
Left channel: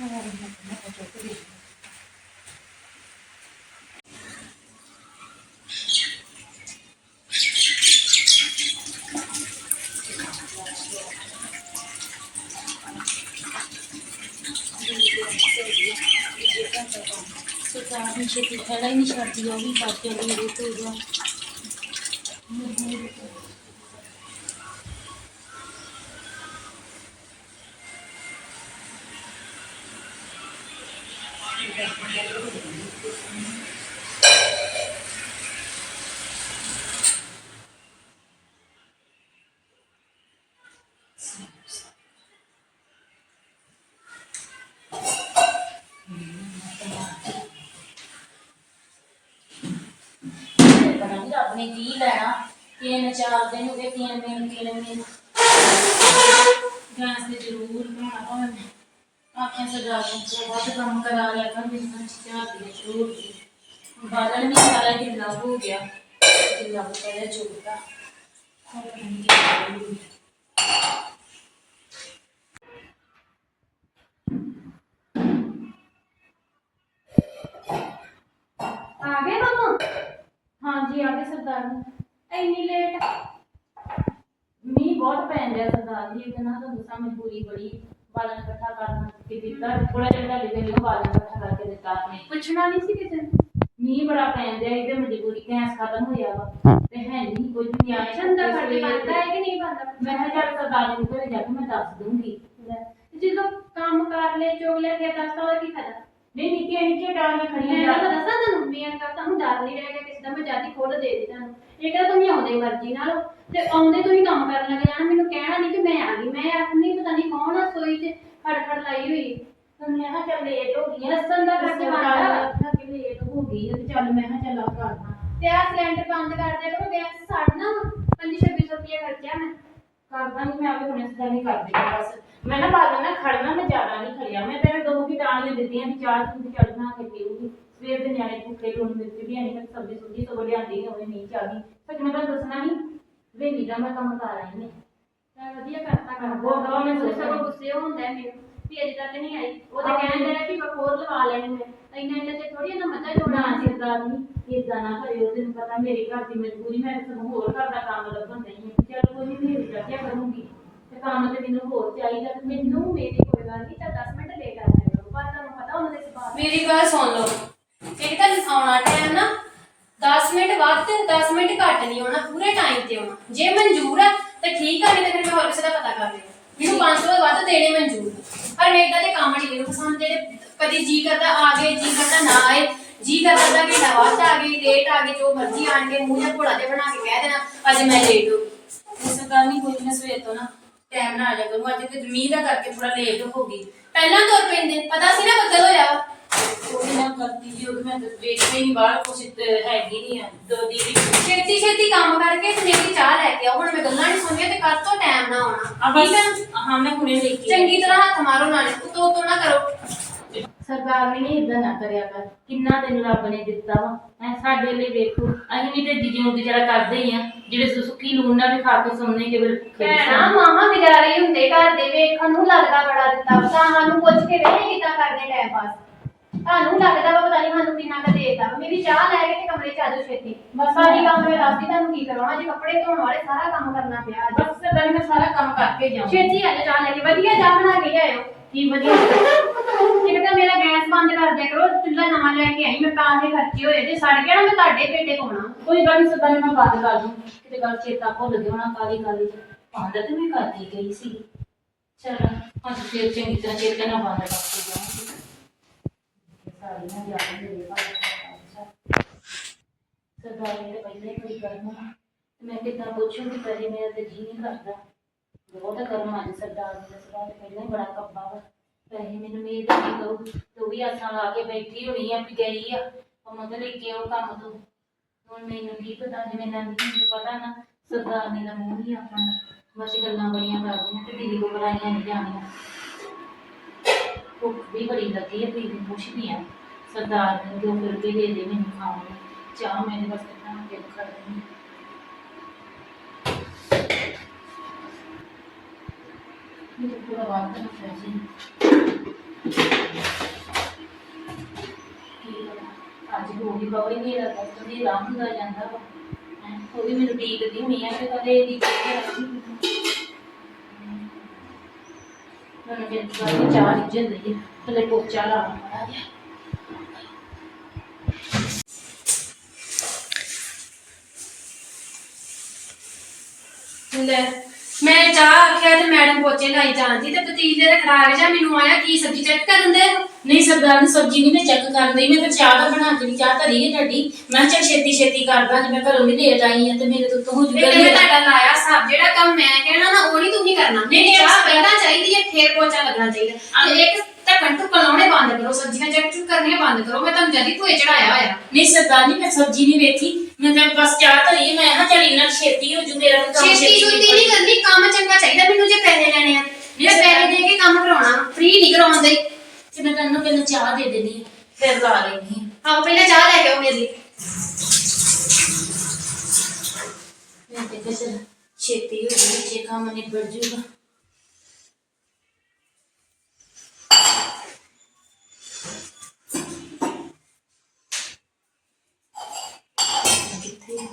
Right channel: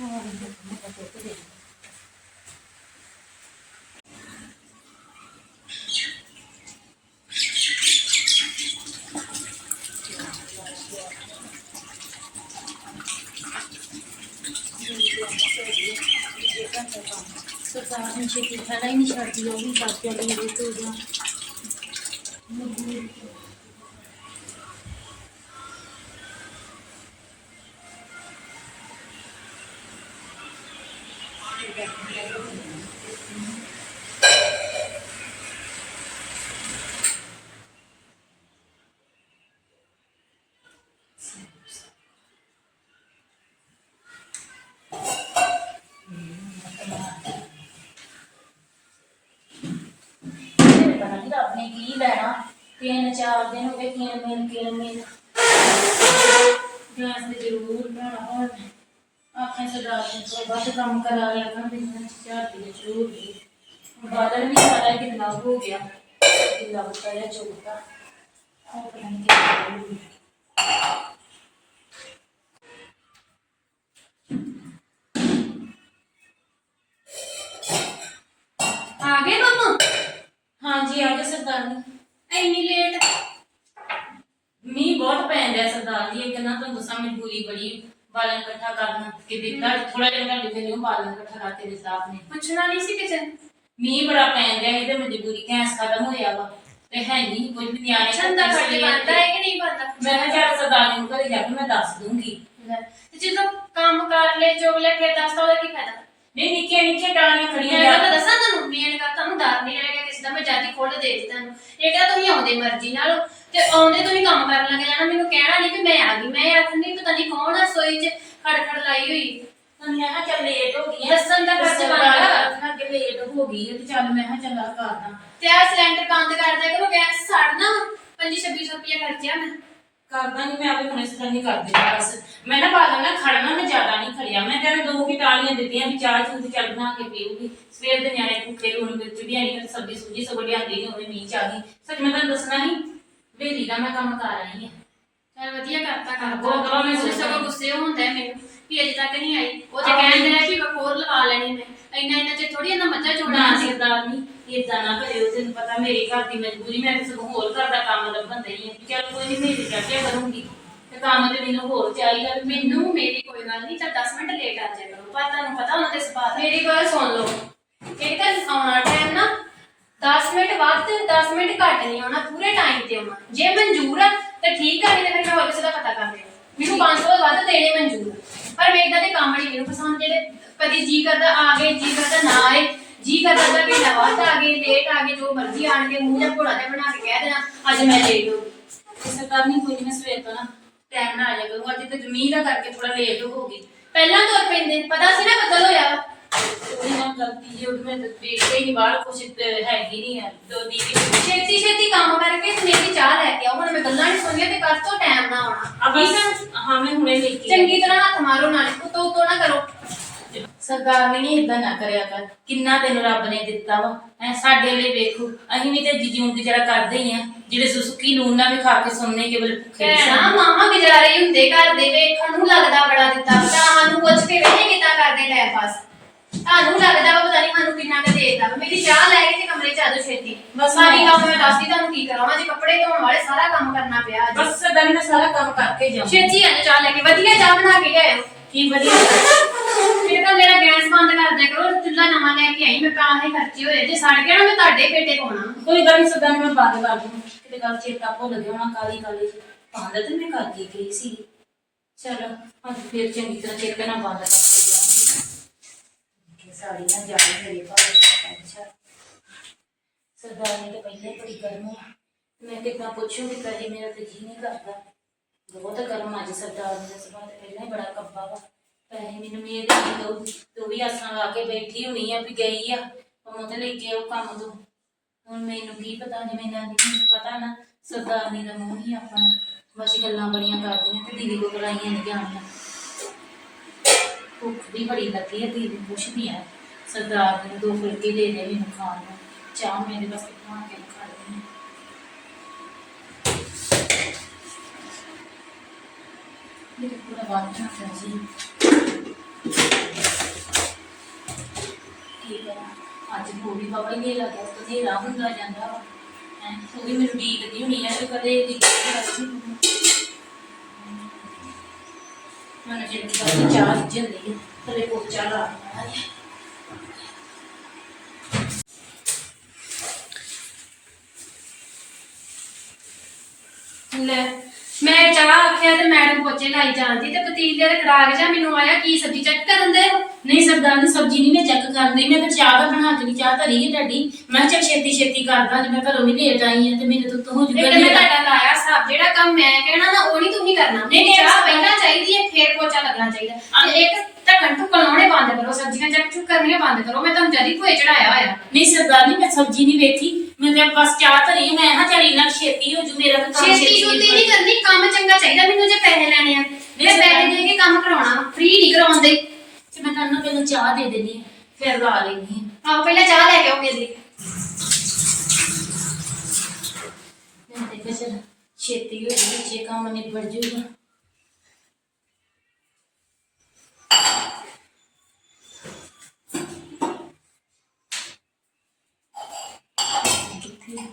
ਹੋਰ ਮੈਂ ਤਾਂ ਚੁੱਕ ਦੇ ਸਰਕਾਰ ਨੇ ਛੇਤੀ ਖੜਾ ਹੀ ਨਹੀਂ ਛੱਡਦੀ ਉਹ ਵੀ ਕਰ ਚੱਲੀ ਰੁਕ ਜਾ ਪਤਾ ਨਹੀਂ ਰੱਬ ਨੇ ਕੀ ਲੈਣਾ ਤਿੰਨ ਚਾਰ ਦਿਨ ਹੋ ਗਏ ਤਿੰਨ ਮਿਲ ਕੇ ਮਿਲ ਗੈਸ ਤੇ ਜ਼ਰੂਰ ਬਣਾਉਣਾ ਭਾਵੇਂ ਆਖਾਂ ਸਰਦਾਰ ਨੇ ਤੋਂ ਵੱਧ ਕੰਮ ਕਰਾ ਲਿਆ ਕਰ ਬਿਨਾਂ ਚਾਹ ਦੀ ਜ਼ਰੂਰ ਦੀ ਬਾਦਲ ਵੀ ਸਾਰਾ ਕਿੰਨਾ ਹੋ ਗਿਆ ਕਿੰਨਾ ਬਤਾਇਆ ਚੁੱਕਾ ਹੋਰ ਪਤਾ ਨਹੀਂ ਕੀ ਕਰੂ ਆ ਗਏ ਮੰਮਾ ਹਾਂਜੀ ਆ ਗਏ ਸਰਦਾਰ ਜੀ ਇੰਨੀ ਲੇਟ ਮੀਂਹ ਬਹੁਤ ਪੈਣ ਰਿਹਾ ਸਰਦਾਰ ਜੀ ਇਹ ਨਾ ਤੁਹਾਨੂੰ ਦੱਸਾਂ ਮਜਬੂਰੀ ਬੜੀ ਬਾਲਣ ਇਕੱਠਾ ਕਰਨ ਕਿ ਦਿੱਤਾ ਥੋੜਾ ਜਿਹਾ ਤੁਹਾਡੇ ਵੇਲੇ ਉਹ ਬਾਲਣ ਇਕੱਠਾ ਕਰਕੇ ਦਿੱਤਾ ਆਪਣੇ ਪੁੱਛਣਾ ਨਹੀਂ ਸੀ ਕਿਸੇ ਨੇ? ਮੀਂਹ ਬੜਾ ਪੈਣ ਰਿਹਾ ਇਹਦੇ ਮਜਬੂਰੀ ਗੈਸ ਖਤਮ ਹੋਇਆ ਵਾ ਤੇ ਹੈ ਨਹੀਂ ਕੁਝ ਵੀ ਨਿਆਣੇ ਫਰਜ਼ ਲਈ ਬਣਦਾ ਹੈ ਕਿ ਨਹੀਂ ਬਣਦਾ ਮੈਂ ਕਿਹਾ ਚੱਲ ਸਰਦਾਰ ਜੀ ਨੂੰ ਘਰੇ ਜਾ ਕੇ ਮੈਂ ਦੱਸ ਦੂੰਗੀ ਲੈ, ਤੇ ਜਦੋਂ ਕੰਮ ਕਰ ਲੈ ਚੋਗ ਲੈ ਫਿਰ ਦੱਸਦਾ ਉਹਦਾ ਕੀ ਫਾਇਦਾ? ਨਹੀਂ ਨਿੱਕੀਆਂ ਨਿੱਕੀਆਂ ਟਾਣੀਆਂ ਖੜੀਆਂ ਮੈਂ ਤਾਂ ਦੱਸਾਂ ਤੁਹਾਨੂੰ ਮੇਨ ਗੱਲ ਤੁਹਾਨੂੰ ਡਰ ਨਹੀਂ ਰਹਿ ਗਿਆ ਕਿਸੇ ਦਾ ਮੈਂ ਜਾਤੀ ਖੋਲ ਦੇ ਦਿੱਤੀ ਤੁਹਾਨੂੰ। ਇਹ ਕਹਿੰਦਾ ਤੁਸੀਂ ਆਉਂਦੇ ਮਰਜ਼ੀ ਨਾਲ ਤੇ ਆਉਂਦੇ ਤੁਸੀਂ ਕੰਮ ਕਰਨ ਲੱਗ ਜਾਣਾ ਮੈਨੂੰ ਕਹਿਣਾ ਨਹੀਂ ਕਿ ਮੈਂ ਆ ਗਈ ਮੈਂ ਆਖਣੀ ਪਤਾ ਨਹੀਂ ਕੌਣ ਆ ਸੋਈ 'ਚ ਖੜਖੜ ਲਾਈ ਹੋਈ। ਮੈਂ ਕਿਹਾ ਚੱਲ ਲੇਟ ਹੋ ਗਈ ਹੈ। ਦੱਸਣ ਦਾ ਫਰਜ਼ ਬਣਦਾ। ਆਖਣਾ ਕਿ ਲੇਟ ਹੋ ਗਈ ਤੇ ਚੱਲ ਮੈਂ ਕਿਹਾ ਚੱਲ ਆ ਕਰਦਾ ਤੇ ਆ ਸਿਲੰਡਰ ਬੰਦ ਕਰ ਦਿਆ ਕਰੋ ਗੈਸ ਸੜਨਾ 2500 ਰੁਪਏ ਖਰਚਿਆ ਮੈਂ ਕਰਦਾ ਨਹੀਂ ਮੈਂ ਆਪੇ ਹੁਣੇ ਸਿੱਧਾ ਨਹੀਂ ਕਰ ਦਿੱਤਾ ਬਸ। ਮੈਂ ਨਾ ਬਾਲਣ ਨਾ ਖੜਨਾ ਮੈਂ ਜ਼ਿਆਦਾ ਨਹੀਂ ਖੜਿਆ ਮੈਂ ਤੈਨੂੰ ਦੋ ਕੀ ਟਾਲੀਆਂ ਦਿੱਤੀਆਂ ਵੀ ਚਾਹ ਚੂਹ ਚੱਲ ਬਣਾ ਕੇ ਪੀਊਗੀ। ਸਵੇਰ ਦੇ ਨਿਆਣੇ ਭੁੱਖੇ ਲੂਣ ਮਿਰਚ ਵੀ ਨਹੀਂ ਤੇ ਸਬਜ਼ੀ ਸੁਜੀ ਸਭ ਲਿਆਂਦੀ ਨਹੀਂ ਉਹਨੇ ਮੀਂਹ ਚ ਆ ਗਈ। ਸੱਚ ਮੈਂ ਤੁਹਾਨੂੰ ਦੱਸਣਾ ਹੀ ਵੇਲੀ ਦਾ ਮੈਂ ਕੰਮ ਕਰ ਆਈ ਹਾਂ ਚਲ ਵਧੀਆ ਕਰਤਾ ਕਰਤਾ ਬਹੁਤ ਬਹੁਤ ਮੈਂ। ਸਗੋਂ ਗੁੱਸੇ ਹੁੰਦਾ ਮੈਨੂੰ ਕਿ ਅਜੇ ਤੱਕ ਨਹੀਂ ਆਈ। ਉਹ ਤੇ ਕਹਿੰਦਾ ਹੈ ਕਿ ਵਕੋਰ ਲਵਾ ਲੈਣੀ ਮੈਂ। ਇੰਨਾ ਇੰਨਾ ਚਿਰ ਥੋੜੀ ਇਹਨਾਂ ਮੱਝਾਂ ਨਾ ਜੋੜਨਾ ਸੀ। ਸਰਦਾਰ ਨਹੀਂ ਇਦਾਂ ਨਾ ਕਰਿਓ ਤੈਨੂੰ ਪਤਾ ਮੇਰੀ ਘਰ ਦੀ ਮਜਬੂਰੀ ਮੈਂ ਤਾਂ ਸਗੋਂ ਹੋਰ ਘਰ ਦਾ ਕੰਮ ਲੱਭਣ ਦਈ ਹਾਂ। ਚਲ ਕੋਈ ਨਹੀਂ ਮੇਰੀ ਚੱਕਿਆ ਕਰੂੰਗੀ। ਤੇ ਕੰਮ ਤੇ ਮੈਨੂੰ ਹੋਰ ਚਾਹੀਦਾ ਵੀ ਮੈਨੂੰ ਮੇਰੀ ਕੋਈ ਗੱਲ ਨਹੀਂ ਤਾਂ 10 ਮਿੰਟ ਲੇਟ ਆ ਜਾਇਆ ਕਰੋ। ਪਰ ਤੁਹਾਨੂੰ ਪਤਾ ਉਹਨਾਂ ਦੇ ਸੁਭਾਅ ਦਾ। ਮੇਰੀ ਗੱਲ ਸੁਣ ਲਓ। ਇੱਕ ਤਾਂ ਆਉਣਾ ਟਾਈਮ ਨਾ 10 ਮਿੰਟ ਵੱਧ ਤੇ 10 ਮਿੰਟ ਘੱਟ ਨਹੀਂ ਆਉਣਾ ਪੂਰੇ ਟਾਈਮ ਤੇ ਆਉਣਾ। ਜੇ ਮਨਜ਼ੂਰ ਹੈ ਤਾਂ ਠੀਕ ਹੈ ਨਹੀਂ ਤਾਂ ਫਿਰ ਮੈਂ ਹੋਰ ਕਿਸੇ ਦਾ ਪਤਾ ਕਰ ਲਿਆ ਮੈਨੂੰ 500 ਤੋਂ ਵੱਧ ਦੇਣੇ ਮਨਜ਼ੂਰ ਪਰ ਮੇਰੇ ਇਦਾਂ ਦੇ ਕੰਮ ਨਹੀਂ ਮੈਨੂੰ ਪਸੰਦ, ਜਿਹੜੇ ਕਦੀ ਜੀ ਕਰਦਾ ਆ ਗਏ, ਜੀ ਕਰਦਾ ਨਾ ਆਏ, ਜੀ ਕਰਦਾ ਤਾਂ ਕਿ ਨਵਾਜ਼ ਆ ਗਏ ਲੇਟ ਆ ਗਏ, ਜੋ ਮਰਜ਼ੀ ਆਣ ਕੇ ਮੂੰਹ ਜਾਂ ਘੋੜਾ ਤੇ ਬਣਾ ਕੇ ਕਹਿ ਦੇਣਾ ਅੱਜ ਮੈਂ ਲੇਟ ਹੋ ਗਈ। ਉਸ ਕਰਨੀ ਕੋਈ ਨਹੀਂ ਸਵੇਰ ਤੋਂ ਨਾ ਟਾਈਮ ਨਾਲ ਆ ਜਾ ਕਰੂੰ ਅੱਜ ਤੇ ਜ਼ਮੀਨ ਦਾ ਕਰਕੇ ਥੋੜਾ ਲੇਟ ਹੋ ਗਈ। ਪਹਿਲਾਂ ਤੁਰ ਪੈਂਦੇ, ਪਤਾ ਸੀ ਨਾ ਬੱਦਲ ਹੋਇਆ ਕੋਈ ਨਾ ਕਰਤੀ ਜੀ ਉਹ ਮੈਂ ਤਾਂ ਵੇਖਦੇ ਹੀ ਨਹੀਂ ਬਾਹਰ ਕੁਛ ਤੇ ਹੈਗੀ ਨਹੀਂ ਆ। ਦੋ ਦੀਦੀ ਛੇਤੀ ਛੇਤੀ ਕੰਮ ਕਰਕੇ ਤੇ ਮੇਰੀ ਚਾਹ ਲੈ ਕੇ ਆਓ। ਹੁਣ ਮੈਂ ਗੱਲਾਂ ਨਹੀਂ ਸੁਣੀਆਂ ਤੇ ਕਰ ਤੋਂ ਟਾਈਮ ਨਾ ਆਉਣਾ। ਆ ਬਸ। ਹਾਂ ਮੈਂ ਹੁਣੇ ਲੈ ਕੇ ਚੰਗੀ ਤਰ੍ਹਾਂ ਹੱਥ ਮਾਰੋ ਨਾਲੇ ਉਤੋਂ ਉਤੋਂ ਨਾ ਕਰੋ। ਸਰਦਾਰ ਨੇ ਇਦਾਂ ਨਾ ਕਰਿਆ ਕਰ। ਕਿੰਨਾ ਤੈਨੂੰ ਰੱਬ ਨੇ ਦਿੱਤਾ ਵਾ? ਐ ਸਾਡੇ ਲਈ ਵੇਖੋ। ਅਸੀਂ ਵੀ ਤੇ ਜਿਉਂ ਗੁਜ਼ਾਰਾ ਕਰਦੇ ਹੀ ਆ। ਜਿਹੜੇ ਸੁ- ਸੁੱਕੀ ਲੂਣ ਨਾਲ ਵੀ ਖਾ ਕੇ ਸੁਣਨੇ ਕੇਵਲ ਭੁੱਖੇ ਨਹੀਂ ਭੈਣਾ ਸੌਂਦੇ। ਮਾਮਾ ਗੁਜ਼ਾਰੇ ਹੀ ਹੁੰਦੇ ਘਰ ਦੇ ਵੇਖਣ ਨੂੰ ਲੱਗਦਾ ਬੜਾ ਦਿੱਤਾ ਤਾਂ ਸਾਨੂੰ ਪੁੱਛ ਕੇ ਵੇਖੇ ਕਿੱਦਾਂ ਕਰਦੇ ਟਾਈਮ ਪਾਸ ਤੁਹਾਨੂੰ ਲੱਗਦਾ ਵਾ ਪਤਾ ਨਹੀਂ ਸਾਨੂੰ ਕਿੰਨਾ ਕੁ ਦੇਤਾ ਮੇਰੀ ਚਾਹ ਲੈ ਕੇ ਤੇ ਕਮਰੇ ਚ ਆ ਜਾਓ ਛੇਤੀ। ਬਸ ਸਾਰੀ ਕੰਮ ਮੈਂ ਦੱਸਦੀ ਤੁਹਾਨੂੰ ਕੀ ਕਰਾਵਾਂ ਜੇ ਕੱਪੜੇ ਧੋਣ ਵਾਲੇ ਸਾਰਾ ਕੰਮ ਕਰਨਾ ਪਿਆ ਅੱਜ। ਬਸ ਸਰਦਾਰ ਨੇ ਸਾਰਾ ਕੰਮ ਕਰਕੇ ਜਾਉਂ ਛੇਤੀ ਆ ਜਾਓ ਚਾਹ ਲੈ ਕੇ। ਵਧੀਆ ਚਾਹ ਬਣਾ ਕੇ ਲਿਆਇਓ। ਕੀ ਵਧੀਆ? ਤਾਂ ਮੇਰਾ ਗੈਸ ਬੰਦ ਕਰ ਦਿਆ ਕਰੋ। ਚੁੱਲ੍ਹਾ ਨਵਾਂ ਲੈ ਕੇ ਆਈ। ਮੈਂ ਪੈਸੇ ਖਰਚੇ ਹੋਏ ਜੇ ਸੜ ਗਿਆ ਨਾ ਮੈਂ ਤੁਹਾਡੇ ਪੇਟੇ ਪਾਉਣਾ। ਕੋਈ ਗੱਲ ਨਹੀਂ ਨੇ ਮੈਂ ਬੰਦ ਕਰ ਦੂੰ ਕਿਤੇ ਗੱਲ ਚੇਤਾ ਭੁੱਲ ਗਿਆ ਹੋਣਾ ਕਾਲੀ ਕਾਲੀ ਬੰਦ ਤੇ ਮੈਂ ਕਰਦੀ ਗਈ ਸੀ ਚਲ ਅੱਜ ਫਿਰ ਚੰਗੀ ਤਰ੍ਹਾਂ ਚੇਤੇ ਨਾਲ ਬੰਦ ਕਰਕੇ ਜਾਵਾਂਗੀ ਕਿ ਸਾੜੀ ਨਾ ਜਾਵੇ ਮੇਰੇ ਭਾਵੇਂ ਅੱਛਾ। ਸਰਦਾਰ ਨੇ ਪਹਿਲੇ ਬੜੀ ਗਰਮ ਆ। ਮੈਂ ਕਿੱਦਾਂ ਪੁੱਛੂਗੀ, ਪਹਿਲੇ ਮੇਰਾ ਤੇ ਜੀ ਨਹੀਂ ਕਰਦਾ। ਬਹੁਤ ਗਰਮ ਅੱਜ ਸਰਦਾਰ ਦਾ ਸੁਭਾਅ ਤੇ ਪਹਿਲਾਂ ਹੀ ਬੜਾ ਕੱਬਾ ਵਾ। ਪੈਸੇ ਮੈਨੂੰ ਮੇਰੇ ਦੇ ਦੋ ਤੂੰ ਵੀ ਆਸਾਂ ਲਾ ਕੇ ਬੈਠੀ ਹੋਣੀ ਆ ਵੀ ਗਈ ਆ। ਉਹ ਤੇ ਲੈ ਕੇ ਉਹ ਕੰਮ ਤੋਂ? ਹੁਣ ਮੈਨੂੰ ਕੀ ਪਤਾ, ਜਿਵੇਂ ਨਾ ਮੈਨੂੰ ਪਤਾ ਨਾ, ਸਰਦਾਰਨੀ ਦਾ ਮੂੰਹ ਹੀ ਆਪਣਾ। ਬਸ ਗੱਲਾਂ ਬੜੀਆਂ ਕਰਦੀਆਂ ਤੇ ਦੀਦੀ ਕੋ ਕਰਾਈਆਂ ਨਹੀਂ ਜਾਣੀਆਂ। ਭੁੱਖ ਵੀ ਬੜੀ ਲੱਗੀ ਹੈ ਦੀਦੀ ਨੂੰ ਪੁੱਛਦੀ ਆ। ਸਰਦਾਰ ਨੂੰ ਦੋ ਫੁਲਕੇ ਦੇ ਦੇ ਮੈਨੂੰ ਖਾਣ ਨੂੰ। ਚਾਹ ਮੇਰੇ ਬਸ ਬਣਾ ਕੇ ਖਾ ਲੈਣੀ ਮੇਰੇ ਪੂਰਾ ਬਾਤ ਨਾ। ਸੀ ਕੀ ਕਰਾਂ? ਅੱਜ ਹੋ ਵੀ ਖਬਰ ਨਹੀਂ ਲੱਗਾ ਕਦੇ ਰਾਹ ਹੁੰਦਾ ਜਾਂਦਾ ਵਾ। ਹੈਂ, ਉਹ ਵੀ ਮੈਨੂੰ ਡੀਕਦੀ ਹੋਣੀ ਆ ਤੇ ਕਦੇ ਦੀ ਮੈਨੂੰ ਜਿਹੜੀ ਗੱਲ ਚਾਹ ਰਿੱਝ ਜਾਂਦੀ ਹੈ ਥੱਲੇ ਪੋਚਾ ਲਾ ਮਾੜਾ ਜਿਹਾ। ਲੈ ਮੈਂ ਚਾਹ ਆਖਿਆ ਤੇ ਮੈਡਮ ਪੋਚੇ ਲਾਈ ਜਾਂਦੀ ਤੇ ਪਤੀਲੇ ਦੇ ਖਰਾਕ ਜਾ ਮੈਨੂੰ ਆਇਆ ਕੀ ਸਬਜ਼ੀ ਚੈੱਕ ਕਰਨ ਦੇ ਨਹੀਂ ਸਰਦਾਰ ਨੇ ਸਬਜ਼ੀ ਨਹੀਂ ਮੈਂ ਚੈੱਕ ਕਰਦੀ ਮੈਂ ਫਿਰ ਚਾਹ ਦਾ ਬਣਾ ਕੇ ਨਹੀਂ ਚਾਹ ਧਰੀ ਹੈ ਤੁਹਾਡੀ। ਮੈਂ ਕਿਹਾ ਚੱਲ ਛੇਤੀ ਛੇਤੀ ਕਰਦਾ ਜੇ ਮੈਂ ਘਰੋਂ ਵੀ ਲੇਟ ਆਈ ਹਾਂ ਤੇ ਮੇਰੇ ਤੋਂ ਹੋ ਇੱਕ ਜੂਗਾ ਮੈਂ ਤੁਹਾਡਾ ਲਾਇਆ ਸਭ ਜਿਹੜਾ ਕੰਮ ਮੈਂ ਕਹਿਣਾ ਨਾ ਉਹ ਨਹੀਂ ਤੁਸੀਂ ਕਰਨਾ। ਨਹੀਂ, ਨਹੀਂ, ਚਾਹ ਪਹਿਲਾਂ ਚਾਹੀਦੀ ਹੈ ਫਿਰ ਪੋਚਾ ਲੱਗਣਾ ਚਾਹੀਦਾ। ਤੇ ਇੱਕ ਢੱਕਣ ਢੁੱਕਣ ਲਾਉਣੇ ਬੰਦ ਕਰੋ ਸਬਜ਼ੀਆਂ ਚੈੱਕ ਚੁੱਕ ਕਰਨੀਆਂ ਬੰਦ ਕਰੋ ਮੈਂ ਤੁਹਾਨੂੰ ਜਦੀ ਭੋਏ ਚੜਾਇਆ ਹੋਇਆ। ਨਹੀਂ ਸਰਦਾਰ ਨਹੀਂ ਮੈਂ ਸਬਜ਼ੀ ਨਹੀਂ ਵੇਖੀ। ਮੈਂ ਤਾਂ ਬਸ ਚਾਹ ਧਰੀ ਮੈਂ ਹਾਂ ਚੱਲ ਇਹਨਾਂ ਛੇਤੀ ਹੋ ਜੂ ਮੇਰਾ ਤਾਂ ਕੰਮ ਛੇਤੀ ਛੁੱਤੀ ਨਹੀਂ ਕਰਨੀ ਕੰਮ ਚੰਗਾ ਚਾਹੀਦਾ ਮੈਨੂੰ ਜੇ ਪੈਸੇ ਲੈਣੇ ਆ। ਮੈਂ ਪੈਸੇ ਦੇ ਕੇ ਕੰਮ ਕਰਾਉਣਾ ਫ੍ਰੀ ਨਹੀਂ ਕਰਾਉਂਦੇ। ਤੇ ਮੈਂ ਤੁਹਾਨੂੰ ਪਹਿਲਾਂ ਚਾਹ ਦੇ ਦੇਣੀ ਫਿਰ ਲਾ ਲੈਣੀ ਹੈ। ਆਓ ਪਹਿਲਾਂ ਚਾਹ ਲੈ ਕੇ ਆਓ ਮੇਰੇ ਲਈ ਮੈਂ ਤੇ ਕਿਹਾ ਚੱਲ ਛੇਤੀ ਹੋ ਜੂ ਵਿੱਚੇ ਕੰਮ ਨਿਬੜ ਜੂਗਾ ਕਿੱਥੇ ਆ?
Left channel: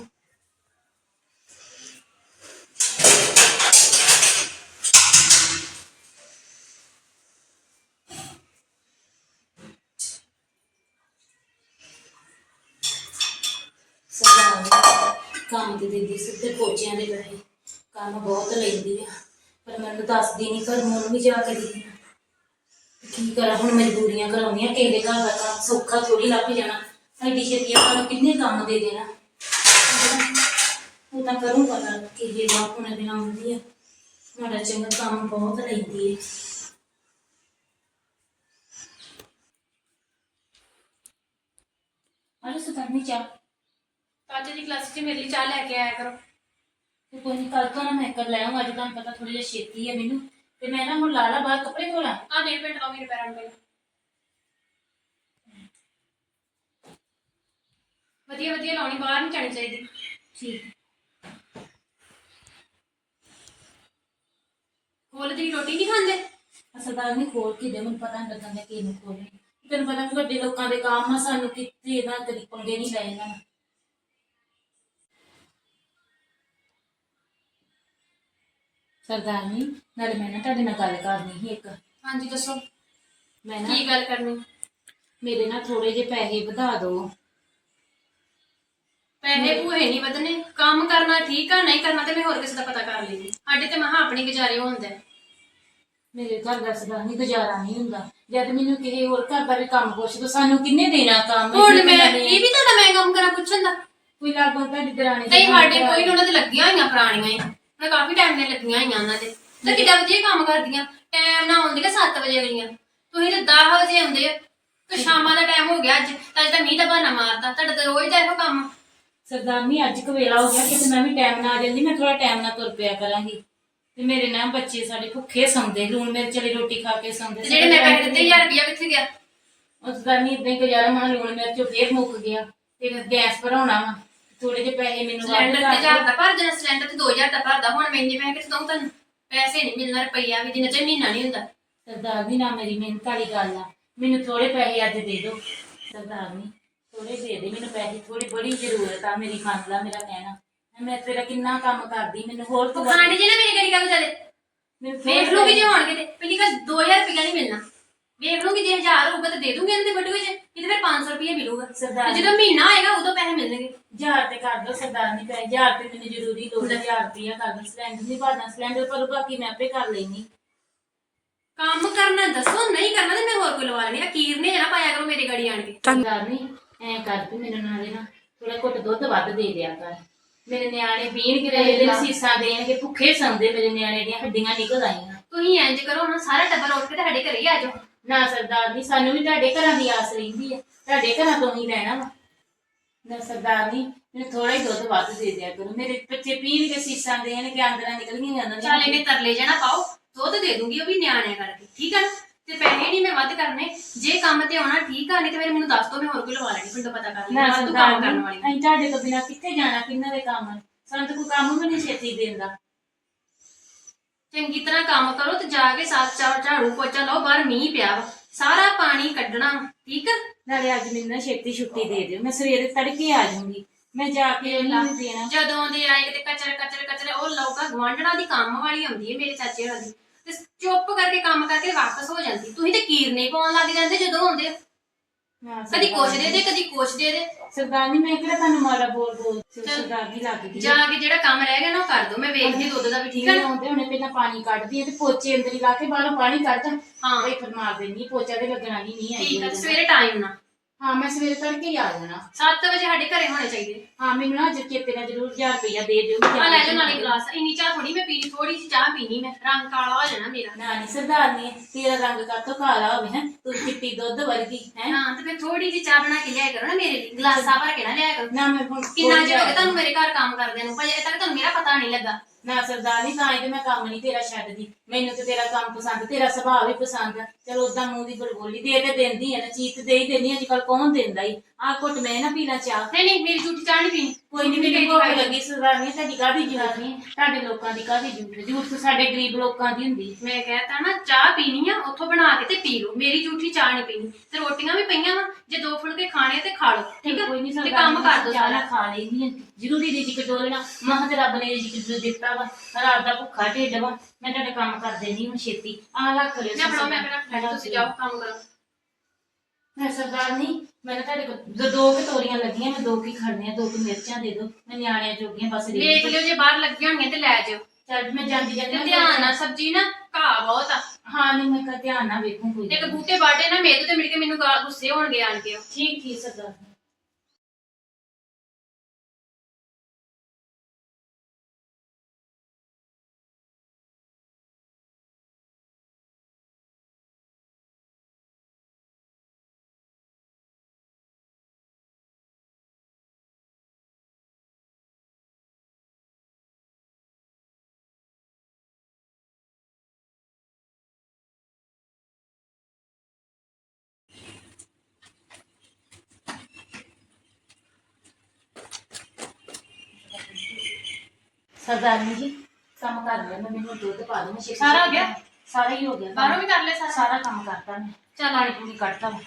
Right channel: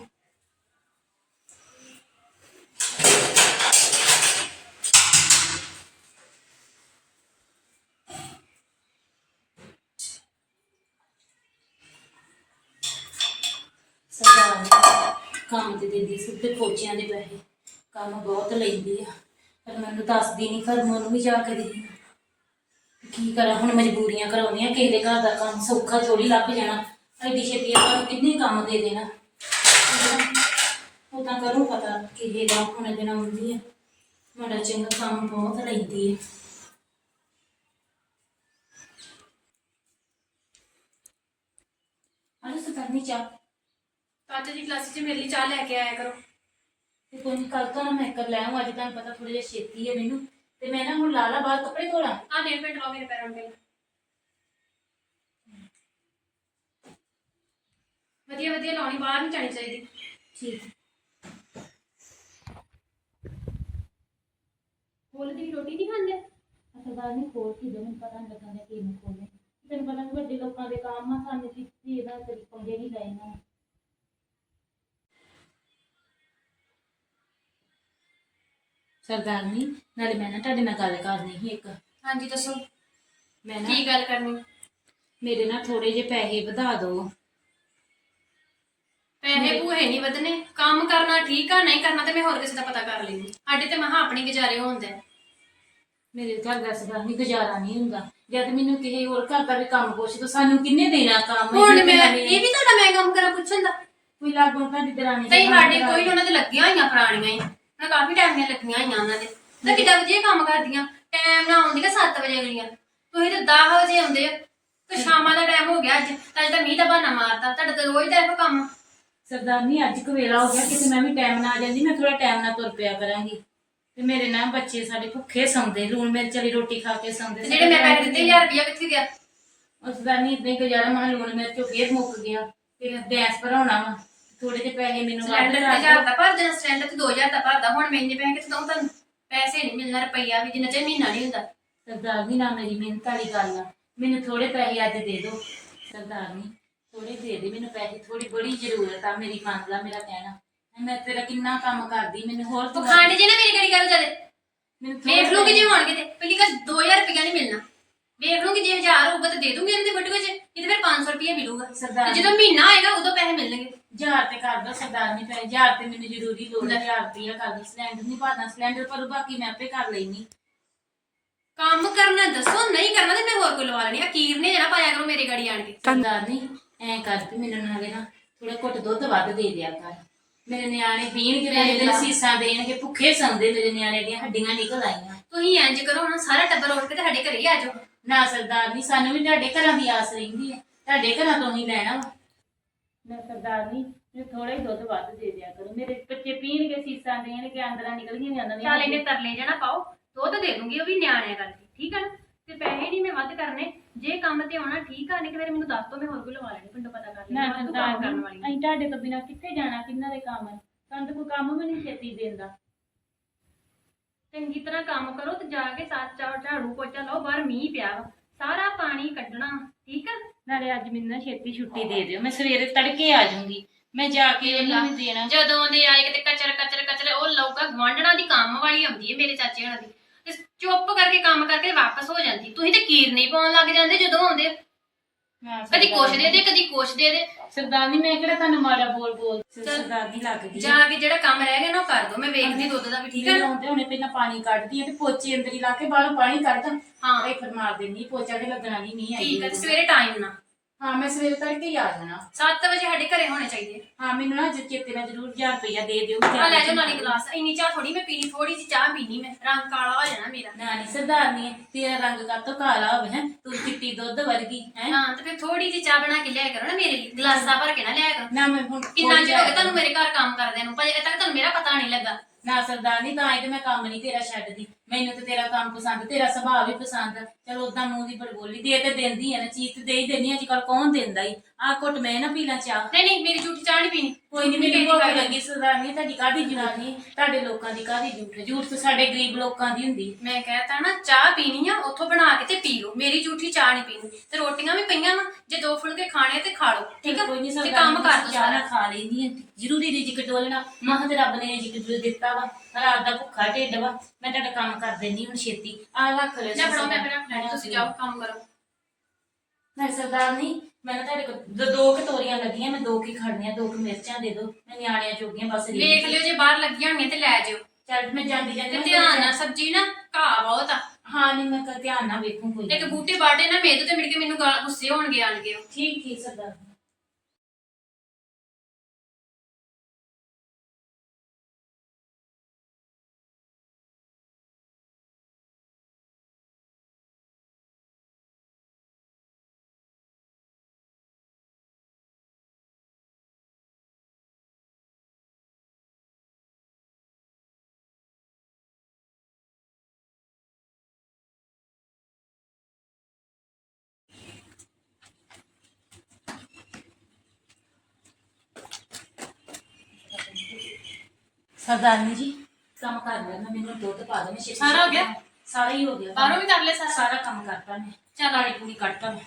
ਸਰਦਾਰ ਨੇ ਕੰਮ ਤੇ ਦਿੰਦੀ ਸਿੱਧੇ ਪੋਚਿਆਂ ਦੇ ਪੈਸੇ ਕੰਮ ਬਹੁਤ ਲੈਂਦੀ ਆ ਪਰ ਮੈਨੂੰ ਦੱਸਦੀ ਨਹੀਂ ਘਰ ਨੂੰ ਵੀ ਜਾ ਕੇ ਦਿੰਦੀ ਆ। ਕੀ ਕਰਾਂ, ਹੁਣ ਮਜਬੂਰੀਆਂ ਕਰਾਉਣੀਆਂ ਕਿਸੇ ਦੇ ਘਰ ਦਾ ਕੰਮ ਸੌਖਾ ਥੋੜੀ ਲੱਭ ਜਾਣਾ ਐਡੀ ਛੇਤੀ ਆਪਾਂ ਨੂੰ ਕਿੰਨੇ ਕੰਮ ਦੇ ਦੇਣਾ। ਉਹ ਤਾਂ ਕਰੂੰ ਪਤਾ ਕਿਸੇ ਦਾ ਹੁਣ ਦਿਨ ਆਉਂਦੀ ਆ। ਮਾੜਾ ਚੰਗਾ ਕੰਮ ਬਹੁਤ ਲੈਂਦੀ ਆ। ਅਰੇ ਸੁਕਰਨੀ ਚਾਹ। ਅੱਜ ਦੀ ਕਲਾਸ 'ਚ ਮੇਰੇ ਲਈ ਚਾਹ ਲੈ ਕੇ ਆਇਆ ਕਰੋ। ਤੇ ਕੋਈ ਨਹੀਂ ਕੱਲ ਤੋਂ ਨਾ ਮੈਂ ਕਰ ਲੈ ਆਊਂ ਅੱਜ ਤੁਹਾਨੂੰ ਪਤਾ ਥੋੜੀ ਜਿਹਾ ਛੇਤੀ ਹੈ ਮੈਨੂੰ। ਤੇ ਮੈਂ ਨਾ ਹੁਣ ਲਾਲਾ ਬਾਹਰ ਕੱਪੜੇ ਧੋਣਾ ਆ ਨੇਲ ਪੇਂਟ ਲਾਓ ਮੇਰੇ ਪੈਰਾਂ ਨੂੰ ਪਹਿਲਾਂ ਵਧੀਆ ਵਧੀਆ ਲਾਉਣੀ ਬਾਹਰ ਨਹੀਂ ਜਾਣੀ ਚਾਹੀਦੀ। ਠੀਕ। ਕੋਲ ਦੀ ਰੋਟੀ ਨਹੀਂ ਖਾਂਦੇ? ਅਸਲਦਾਰ ਨਹੀਂ ਖੋਲ ਕੇ ਦੇ ਮੈਨੂੰ ਪਤਾ ਨਹੀਂ ਲੱਗਦਾ ਕਿ ਇਹਨੂੰ ਖੋਲੇ ਤੈਨੂੰ ਪਤਾ ਕਿ ਵੱਡੇ ਲੋਕਾਂ ਦੇ ਕੰਮ ਆ ਸਾਨੂੰ ਕਿਤੇ ਨਾ ਕਦੀ ਪੰਗੇ ਨਹੀਂ ਪਏ ਇਹਨਾਂ ਨਾਲ ਸਰਦਾਰਨੀ ਨਾਲੇ ਮੈਂ ਨਾ ਤੁਹਾਡੇ ਨਾਲ ਗੱਲ ਕਰਨੀ ਸੀ ਇੱਕ। ਹਾਂਜੀ ਦੱਸੋ। ਮੈਂ ਨਾ ਕੀ ਗੱਲ ਕਰਨੀ? ਮੇਰੇ ਨਾਲ ਥੋੜੇ ਜਿਹੇ ਪੈਸੇ ਵਧਾ ਦਿਓ ਪੈਸੇ ਭੂਹੇ ਨਹੀਂ ਵਧਨੇ ਕੰਮ ਕਰਨਾ ਠੀਕ ਆ ਨਹੀਂ ਕਰਨਾ ਤੇ ਮੈਂ ਹੋਰ ਕਿਸੇ ਦਾ ਪਤਾ ਕਰ ਲੈਂਦੀ। ਸਾਡੇ ਤੇ ਮਹਾ ਆਪਣੀ ਗੁਜ਼ਾਰੇ ਹੁੰਦਾ ਹੈ। ਮੇਰੇ ਘਰ ਦਾ ਸਰਦਾਰਨੀ ਗੁਜ਼ਾਰਾ ਨਹੀਂ ਹੁੰਦਾ। ਜਦ ਮੈਨੂੰ ਕਿਸੇ ਹੋਰ ਘਰ ਦਾ ਵੀ ਕੰਮ ਪੁੱਛ ਦੋ ਸਾਨੂੰ ਕਿੰਨੇ ਦੇਣਾ ਕੰਮ? ਹੁਣ ਮੈਂ ਇਹ ਵੀ ਤੁਹਾਡਾ ਮੈਂ ਕੰਮ ਕਰਾਂ ਪੁੱਛਣ ਦਾ? ਕੋਈ ਲਾਗੋਂ ਤੁਹਾਡੀ ਦਰਾਣੀ ਨਹੀਂ ਸਾਡੇ ਕੋਈ ਉਹਨਾਂ ਦੇ ਲੱਗੀਆਂ ਹੋਈਆਂ ਪੁਰਾਣੀਆਂ ਹੀ। ਉਹਨਾਂ ਕਾਫੀ ਟਾਈਮ ਦੀਆਂ ਲੱਗੀਆਂ ਹੋਈਆਂ ਉਹਨਾਂ ਦੇ। ਤੇ ਕਿੱਦਾਂ ਵਧੀਆ ਕੰਮ ਕਰਦੀਆਂ। ਟਾਈਮ ਨਾਲ ਆਉਂਦੀਆਂ 7 ਵਜੇ ਅਗਲੀਆਂ ਤੁਸੀਂ ਤਾਂ 10 ਵਜੇ ਆਉਂਦੇ ਆ ਤੇ ਸ਼ਾਮਾਂ ਦਾ ਟਾਈਮ ਹੋ ਗਿਆ ਅੱਜ। ਤਾਂ ਅੱਜ ਤਾਂ ਮੀਂਹ ਦਾ ਬਹਾਨਾ ਮਾਰਤਾ। ਤੁਹਾਡਾ ਤਾਂ ਰੋਜ਼ ਦਾ ਇਹੋ ਕੰਮ। ਸਰਦਾਰਨੀ ਅੱਜ ਕੁ ਵੇਲਾ ਹੋ ਗਿਆ। ਕਿਤੇ ਮੈਂ ਵੀ ਟਾਈਮ ਨਾਲ ਆ ਜਾਂਦੀ ਮੈਂ ਥੋੜਾ ਟਾਈਮ ਨਾਲ ਤੁਰ ਪਿਆ ਕਰਾਂਗੀ। ਤੇ ਮੇਰੇ ਨਾਲ ਬੱਚੇ ਸਾਡੇ ਭੁੱਖੇ ਸੌਂਦੇ। ਲੂਣ ਮਿਰਚ ਵਾਲੀ ਰੋਟੀ ਖਾ ਕੇ ਸੌਂਦੇ ਤੇ ਜਿਹੜੇ ਮੈਂ ਪੈਸੇ ਦਿੱਤੇ 1000 ਰੁਪਇਆ ਕਿੱਥੇ ਗਿਆ? ਉਸ ਦਾ ਨਹੀਂ ਇਦਾਂ ਹੀ ਗੁਜ਼ਾਰਾ ਮਹਾਂ ਲੂਣ ਮਿਰਚ ਫੇਰ ਮੁੱਕ ਗਿਆ। ਫਿਰ ਗੈਸ ਭਰਾਉਣਾ ਵਾ। ਥੋੜੇ ਜਿਹੇ ਪੈਸੇ ਮੈਨੂੰ ਵੱਧ ਸਿਲੰਡਰ ਕਰ ਤੇ ਹਜ਼ਾਰ ਦਾ ਭਰ ਸਿਲੰਡਰ ਤੇ 2000 ਦਾ ਭਰਦਾ ਹੁਣ ਮੈਂ ਇੰਨੇ ਪੈਸੇ ਕਿੱਥੋਂ ਦਊਂ ਤੁਹਾਨੂੰ? ਪੈਸੇ ਨਹੀਂ ਮਿਲਣਾ ਰੁਪਈਆ ਵੀ ਜਿੰਨਾ ਚਿਰ ਮਹੀਨਾ ਨਹੀਂ ਹੁੰਦਾ। ਸਰਦਾਰ ਜੀ ਨਾ ਮੇਰੀ ਮਿਹਨਤ ਵਾਲੀ ਗੱਲ ਆ। ਮੈਨੂੰ ਥੋੜੇ ਪੈਸੇ ਅੱਜ ਦੇ ਦਿਓ। ਸਰਦਾਰ ਜੀ ਥੋੜੇ ਦੇ ਦੇ ਮੈਨੂੰ ਪੈਸੇ। ਥੋੜੀ ਬੜੀ ਜ਼ਰੂਰਤ ਆ ਮੇਰੀ ਮੰਨ ਲਾ ਮੇਰਾ ਕਹਿਣਾ। ਮੈਂ ਤੇਰਾ ਕਿੰਨਾ ਕੰਮ ਕਰਦੀ ਮੈਨੂੰ ਹੋਰ ਤੂੰ ਪਖੰਡ ਜੇ ਨਾ ਮੇਰੀ ਗਲੀ ਗੱਲ ਜਾਦੇ ਮੈਨੂੰ ਥੋੜ੍ਹੇ ਵੇਖ ਲੂੰਗੀ ਜੇ ਹੋਣਗੇ ਤੇ। ਪਹਿਲੀ ਗੱਲ 2000 ਰੁਪਈਆ ਨਹੀਂ ਮਿਲਣਾ। ਵੇਖ ਲੂੰਗੀ ਜੇ 1000 ਹੋਊਗਾ ਤਾਂ ਦੇ ਦੂੰਗੀ ਉਹਨਾਂ ਦੇ ਬਟੂਏ 'ਚ ਨਹੀਂ ਤੇ ਫਿਰ 500 ਰੁਪਈਆ ਮਿਲੂਗਾ ਸਰਦਾਰ ਤੇ ਜਦੋਂ ਮਹੀਨਾ ਹੋਏਗਾ ਉਦੋਂ ਪੈਸੇ ਮਿਲਣਗੇ। ਹਜ਼ਾਰ ਤੇ ਕਰ ਦੋ ਸਰਦਾਰ ਨਹੀਂ ਪੈਸੇ ਹਜ਼ਾਰ ਤੇ ਮੈਨੂੰ ਜ਼ਰੂਰੀ ਲੋੜ ਹੈ ਹਜ਼ਾਰ ਰੁਪਇਆ ਕਰ ਦੇ। ਸਿਲੰਡਰ ਨਹੀਂ ਭਾਦਾ ਸਿਲੰਡਰ ਪਰ ਬਾਕੀ ਮੈਂ ਆਪੇ ਕਰ ਲੈਣੀ ਕੰਮ ਕਰਨਾ ਦੱਸੋ ਨਹੀਂ ਕਰਨਾ ਤੇ ਮੈਂ ਹੋਰ ਕੋਈ ਲਵਾ ਲੈਣੀ ਆ। ਕੀਰ ਨੇ ਜਣਾ ਪਾਇਆ ਕਰੋ ਮੇਰੇ ਗੜੀ ਆਣ ਕੇ। ਸਰਦਾਰ ਨਹੀਂ ਐ ਕਰ ਤੂੰ ਮੈਨੂੰ ਨਾਲੇ ਨਾ ਥੋੜਾ ਘੁੱਟ ਦੁੱਧ ਵੱਧ ਦੇ ਦਿਆ ਕਰ। ਮੇਰੇ ਨਿਆਣੇ ਪੀਣਗੇ ਤੇ ਜਿਹੜੇ ਸੀਸਾਂ ਦੇਣਗੇ ਭੁੱਖੇ ਸੰਦੇ ਮੇਰੇ ਨਿਆਣੇ ਦੀਆਂ ਹੱਡੀਆਂ ਨਿਕਲ ਆਈਆਂ। ਤੁਸੀਂ ਇੰਜ ਕਰੋ ਨਾ ਸਾਰਾ ਟੱਬਰ ਉੱਠ ਕੇ ਤੇ ਸਾਡੇ ਘਰੇ ਹੀ ਆ ਜਾਓ। ਨਾ ਸਰਦਾਰ ਨਹੀਂ ਸਾਨੂੰ ਵੀ ਤੁਹਾਡੇ ਘਰਾਂ ਦੀ ਆਸ ਰਹਿੰਦੀ ਹੈ। ਤੁਹਾਡੇ ਘਰਾਂ ਤੋਂ ਹੀ ਲੈਣਾ ਵਾ। ਨਾ ਸਰਦਾਰ ਨਹੀਂ ਮੈਨੂੰ ਥੋੜਾ ਹੀ ਦੁੱਧ ਵੱਧ ਦੇ ਦਿਆ ਕਰੋ। ਮੇਰੇ ਬੱਚੇ ਪੀਣਗੇ ਸੀਸਾਂ ਦੇਣਗੇ ਅੰਦਰਾਂ ਨਿਕਲੀਆਂ ਜਾਂਦੀਆਂ ਚੱਲ ਇਹਨੇ ਤਰਲੇ ਜਣਾ ਪਾਓ ਦੁੱਧ ਦੇ ਦੂੰਗੀ ਉਹ ਵੀ ਨਿਆਣਿਆਂ ਕਰਕੇ ਠੀਕ ਆ ਨਾ? ਤੇ ਪੈਸੇ ਨਹੀਂ ਮੈਂ ਵੱਧ ਕਰਨੇ। ਜੇ ਕੰਮ ਤੇ ਆਉਣਾ ਠੀਕ ਆ ਨਹੀਂ ਤੇ ਫਿਰ ਮੈਨੂੰ ਦੱਸ ਦੋ ਮੈਂ ਹੋਰ ਕੋਈ ਲਵਾ ਲੈਣੀ ਪਿੰਡੋਂ ਪਤਾ ਕਰ ਲੈਣਾ ਤੂੰ ਸਰਦਾਰ ਕੰਮ ਕਰਨ ਨਹੀਂ ਵਾਲੀ। ਅਸੀਂ ਤੁਹਾਡੇ ਤੋਂ ਬਿਨਾਂ ਕਿੱਥੇ ਜਾਣਾ ਕਿੰਨਾ ਦੇ ਕੰਮ ਆ? ਸਾਨੂੰ ਤਾਂ ਕੋਈ ਕੰਮ ਵੀ ਨਹੀਂ ਛੇਤੀ ਦਿੰਦਾ ਚੰਗੀ ਤਰ੍ਹਾਂ ਕੰਮ ਕਰੋ ਤੇ ਜਾ ਕੇ ਸਾਥ ਚਾਰ ਝਾੜੂ ਪੋਚਾ ਲਾਓ ਬਾਹਰ ਮੀਂਹ ਪਿਆ ਵਾ। ਸਾਰਾ ਪਾਣੀ ਕੱਢਣਾ ਠੀਕ ਆ? ਨਾਲੇ ਅੱਜ ਮੈਨੂੰ ਨਾ ਛੇਤੀ ਛੁੱਟੀ ਦੇ ਦਿਓ। ਮੈਂ ਸਵੇਰੇ ਤੜਕੇ ਆ ਜਾਊਂਗੀ। ਮੈਂ ਜਾ ਕੇ ਉਹਨਾਂ ਨੂੰ ਦੇਣਾ। ਜਦੋਂ ਦੇ ਆਏ ਕਿਤੇ ਕਚਰ ਕਚਰ ਕਚਰ ਉਹ ਲੌਕਾ ਗਵਾਂਢਣਾ ਦੀ ਕੰਮ ਵਾਲੀ ਆਉਂਦੀ ਹੈ ਮੇਰੇ ਚਾਚੇ ਹਣਾ ਦੀ। ਤੇ ਚੁੱਪ ਕਰਕੇ ਕੰਮ ਕਰਕੇ ਵਾਪਸ ਹੋ ਜਾਂਦੀ। ਤੁਸੀਂ ਤੇ ਕੀਰ ਨਹੀਂ ਪਾਉਣ ਲੱਗ ਜਾਂਦੇ ਜਦੋਂ ਆਉਂਦੇ। ਹਾਂ, ਕਦੀ ਸਰਦਾਰ ਕੁਛ ਦੇ ਦੇ ਕਦੀ ਕੁਛ ਦੇ ਦੇ। ਸਰਦਾਰਨੀ ਮੈਂ ਕਿਹੜਾ ਤੁਹਾਨੂੰ ਮਾੜਾ ਬੋਲ ਬੋਲ ਚੱਲ। ਸਰਦਾਰਨੀ ਲੱਗਦੀ ਜਾ ਕੇ ਜਿਹੜਾ ਕੰਮ ਰਹਿ ਗਿਆ ਨਾ ਉਹ ਕਰ ਦੋ ਮੈਂ ਵੇਖਦੀ ਦੁੱਧ ਦਾ ਵੀ ਠੀਕ ਆ ਨਾ। ਆਉਂਦੇ ਹੁਣੇ? ਪਹਿਲਾਂ ਪਾਣੀ ਕੱਢਦੀ ਆ ਤੇ ਪੋਚੇ ਅੰਦਰ ਹੀ ਲਾ ਕੇ ਬਾਹਰੋਂ ਪਾਣੀ ਕੱਢਦਾ। ਹਾਂ। ਇਹ ਫਿਰ ਮਾਰ ਦਿੰਦੀ ਪੋਚਾ ਤੇ ਲੱਗਣਾ ਨਹੀਂ ਨਹੀਂ ਠੀਕ ਆ ਤੇ ਸਵੇਰੇ ਟਾਈਮ ਨਾ ਹਾਂ ਮੈਂ ਸਵੇਰੇ ਤੜਕੇ ਹੀ ਆ ਜਾਣਾ। 7 ਵਜੇ ਸਾਡੇ ਘਰੇ ਹੋਣੇ ਚਾਹੀਦੇ। ਹਾਂ ਮੈਨੂੰ ਨਾ ਅੱਜ ਚੇਤੇ ਨਾਲ ਜ਼ਰੂਰ 1000 ਰੁਪਇਆ ਦੇ ਦਿਓ ਆ ਜਾ ਲੈ ਜਾਓ ਨਾਲੇ ਗਲਾਸ। ਇੰਨੀ ਚਾਹ ਥੋੜੀ ਮੈਂ ਪੀਣੀ ਥੋੜੀ ਜਿਹੀ ਚਾਹ ਪੀਣੀ ਮੈਂ। ਰੰਗ ਕਾਲਾ ਹੋ ਜਾਣਾ ਮੇਰਾ। ਨਾ ਨਹੀਂ ਸਰਦਾਰਨੀ ਤੇਰਾ ਰੰਗ ਕਾਤੋਂ ਕਾਲਾ ਹੋਵੇ ਹੈ? ਤੂੰ ਚਿੱਟੀ ਦੁੱਧ ਵਰਗੀ ਹੈ? ਹਾਂ ਤੇ ਫਿਰ ਥੋੜੀ ਜਿਹੀ ਚਾਹ ਬਣਾ ਕੇ ਲਿਆਇਆ ਕਰੋ ਨਾ ਮੇਰੇ ਲਈ। ਗਲਾਸਾਂ ਭਰ ਕੇ ਨਾ ਲਿਆਇਆ ਕਰੋ। ਨਾ ਮੈਂ ਹੁਣ ਕਿੰਨਾ ਚਿਰ ਹੋ ਗਿਆ ਜਾ- ਤੁਹਾਨੂੰ ਮੇਰੇ ਘਰ ਕੰਮ ਕਰਦਿਆਂ ਨੂੰ? ਪਰ ਅਜੇ ਤੱਕ ਤੁਹਾਨੂੰ ਮੇਰਾ ਪਤਾ ਨਹੀਂ ਲੱਗਾ। ਨਾ ਸਰਦਾਰਨੀ ਤਾਂ ਇਹ ਤੇ ਮੈਂ ਕੰਮ ਨਹੀਂ ਤੇਰਾ ਛੱਡਦੀ। ਮੈਨੂੰ ਤੇ ਤੇਰਾ ਕੰਮ ਪਸੰਦ, ਤੇਰਾ ਸੁਭਾਅ ਵੀ ਪਸੰਦ। ਚਲ ਚਲੋ ਉਦਾਂ ਮੂੰਹ ਦੀ ਬੜਬੋਲੀ ਦੇ ਤੇ ਦਿੰਦੀ ਆ, ਨਾ ਚੀਜ਼ ਤੇ ਦੇ ਹੀ ਦਿੰਦੀ ਅੱਜ ਕੱਲ ਕੌਣ ਦਿੰਦਾ ਈ? ਆ ਘੁੱਟ ਮੈਂ ਨਾ ਪੀਣਾ ਚਾਹ। ਨਹੀਂ ਨਹੀਂ ਮੇਰੀ ਝੂਠੀ ਚਾਹ ਨਹੀਂ ਪੀਣੀ। ਕੋਈ ਨਹੀਂ ਮੈਨੂੰ ਭੁੱਖ ਲੱਗੀ ਸਰਦਾਰਨੀ ਤੁਹਾਡੀ ਕਾਹਦੀ ਜਵਾਨੀ ਤੁਹਾਡੇ ਲੋਕਾਂ ਦੀ ਕਾਹਦੀ ਝੂਠ ਝੂਠ ਤਾਂ ਸਾਡੇ ਗਰੀਬ ਲੋਕਾਂ ਦੀ ਹੁੰਦੀ। ਮੈਂ ਕਹਿਤਾ ਨਾ ਚਾਹ ਪੀਣੀ ਆ ਉੱਥੋਂ ਬਣਾ ਕੇ ਤੇ ਪੀ ਲਓ। ਮੇਰੀ ਝੂਠੀ ਚਾਹ ਨਹੀਂ ਪੀਣੀ। ਤੇ ਰੋਟੀਆਂ ਵੀ ਪਈਆਂ ਵਾ ਜੇ ਦੋ ਫੁਲਕੇ ਖਾਣੇ ਆ ਤੇ ਖਾ ਲਓ ਠੀਕ ਆ? ਕੋਈ ਨਹੀਂ ਤੇ ਕੰਮ ਕਰ ਦੋ ਚਾਹ ਨਾ ਸਾਰਾ ਖਾ ਲੈਂਦੀ ਹੈ ਜ਼ਰੂਰੀ ਰਿਜਕ ਡੋਲਣਾ। ਮਾਂ ਤੇ ਰੱਬ ਨੇ ਰਿਜਕ ਦਿੱਤਾ ਵਾ ਰਾਤ ਦਾ ਭੁੱਖਾ ਢਿੱਡ ਵਾ। ਮੈਂ ਤੁਹਾਡਾ ਕੰਮ ਕਰ ਦੇਣੀ ਹੁਣ ਛੇਤੀ। ਆ ਰੱਖ ਲਿਓ ਜਾਂ ਫੜੋ ਮੈਂ ਮੇਰਾ ਫਲੈਟ ਤੁਸੀਂ ਜਾਓ ਕੰਮ ਕਰੋ। ਮੈਂ ਸਰਦਾਰਨੀ ਮੈਂ ਨਾ ਤੁਹਾਡੇ ਕੋਲ ਦੋ- ਦੋ ਕੁ ਤੋਰੀਆਂ ਲੱਗੀਆਂ ਮੈਂ ਦੋ ਕੀ ਖੜਨੀਆਂ ਦੋ ਕੁ ਮਿਰਚਾਂ ਦੇ ਦਿਓ ਮੈਂ ਨਿਆਣਿਆਂ ਜੋਗੀਆਂ ਬਸ ਦੇ ਦੇਖ ਲਿਓ ਜੇ ਬਾਹਰ ਲੱਗੀਆਂ ਹੋਣਗੀਆਂ ਤੇ ਲੈ ਜਿਓ ਚੱਲ ਮੈਂ ਜਾਂਦੀ ਜਾਂਦੀ ਤੇ ਧਿਆਨ ਨਾਲ ਸਬਜ਼ੀ ਨਾ ਘਾਹ ਬਹੁਤ ਆ ਹਾਂ ਨਹੀਂ ਮੈਂ ਕਾ ਧਿਆਨ ਨਾਲ ਵੇਖੂੰ ਕੋਈ ਤੇ ਇੱਕ ਗੱਲ। ਬੂਟੇ ਬਾਟੇ ਨਾ ਮੇਰੇ ਤੇ ਮਿਲ ਕੇ ਮੈਨੂੰ ਗਾਲ ਗੁੱਸੇ ਹੋਣਗੇ ਆਣ ਕੇ ਉਹ। ਠੀਕ ਠੀਕ ਸਰਦਾਰਨੀ ਸਰਦਾਰਨੀ ਜੀ ਕੰਮ ਕਰ ਲਿਆ ਮੈਂ ਮੈਨੂੰ ਦੁੱਧ ਪਾ ਦੋ ਮੈਂ ਛੇਤੀ ਸਾਰਾ ਹੋ ਗਿਆ? ਸਾਰਾ ਹੀ ਹੋ ਗਿਆ। ਬਾਹਰੋਂ ਵੀ ਕਰ ਲੈ ਸਾਰਾ? ਸਾਰਾ ਕੰਮ ਕਰਤਾ ਮੈਂ। ਚੱਲ ਪਾਣੀ ਪੂਰੀ ਕੱਢਤਾ ਵਾ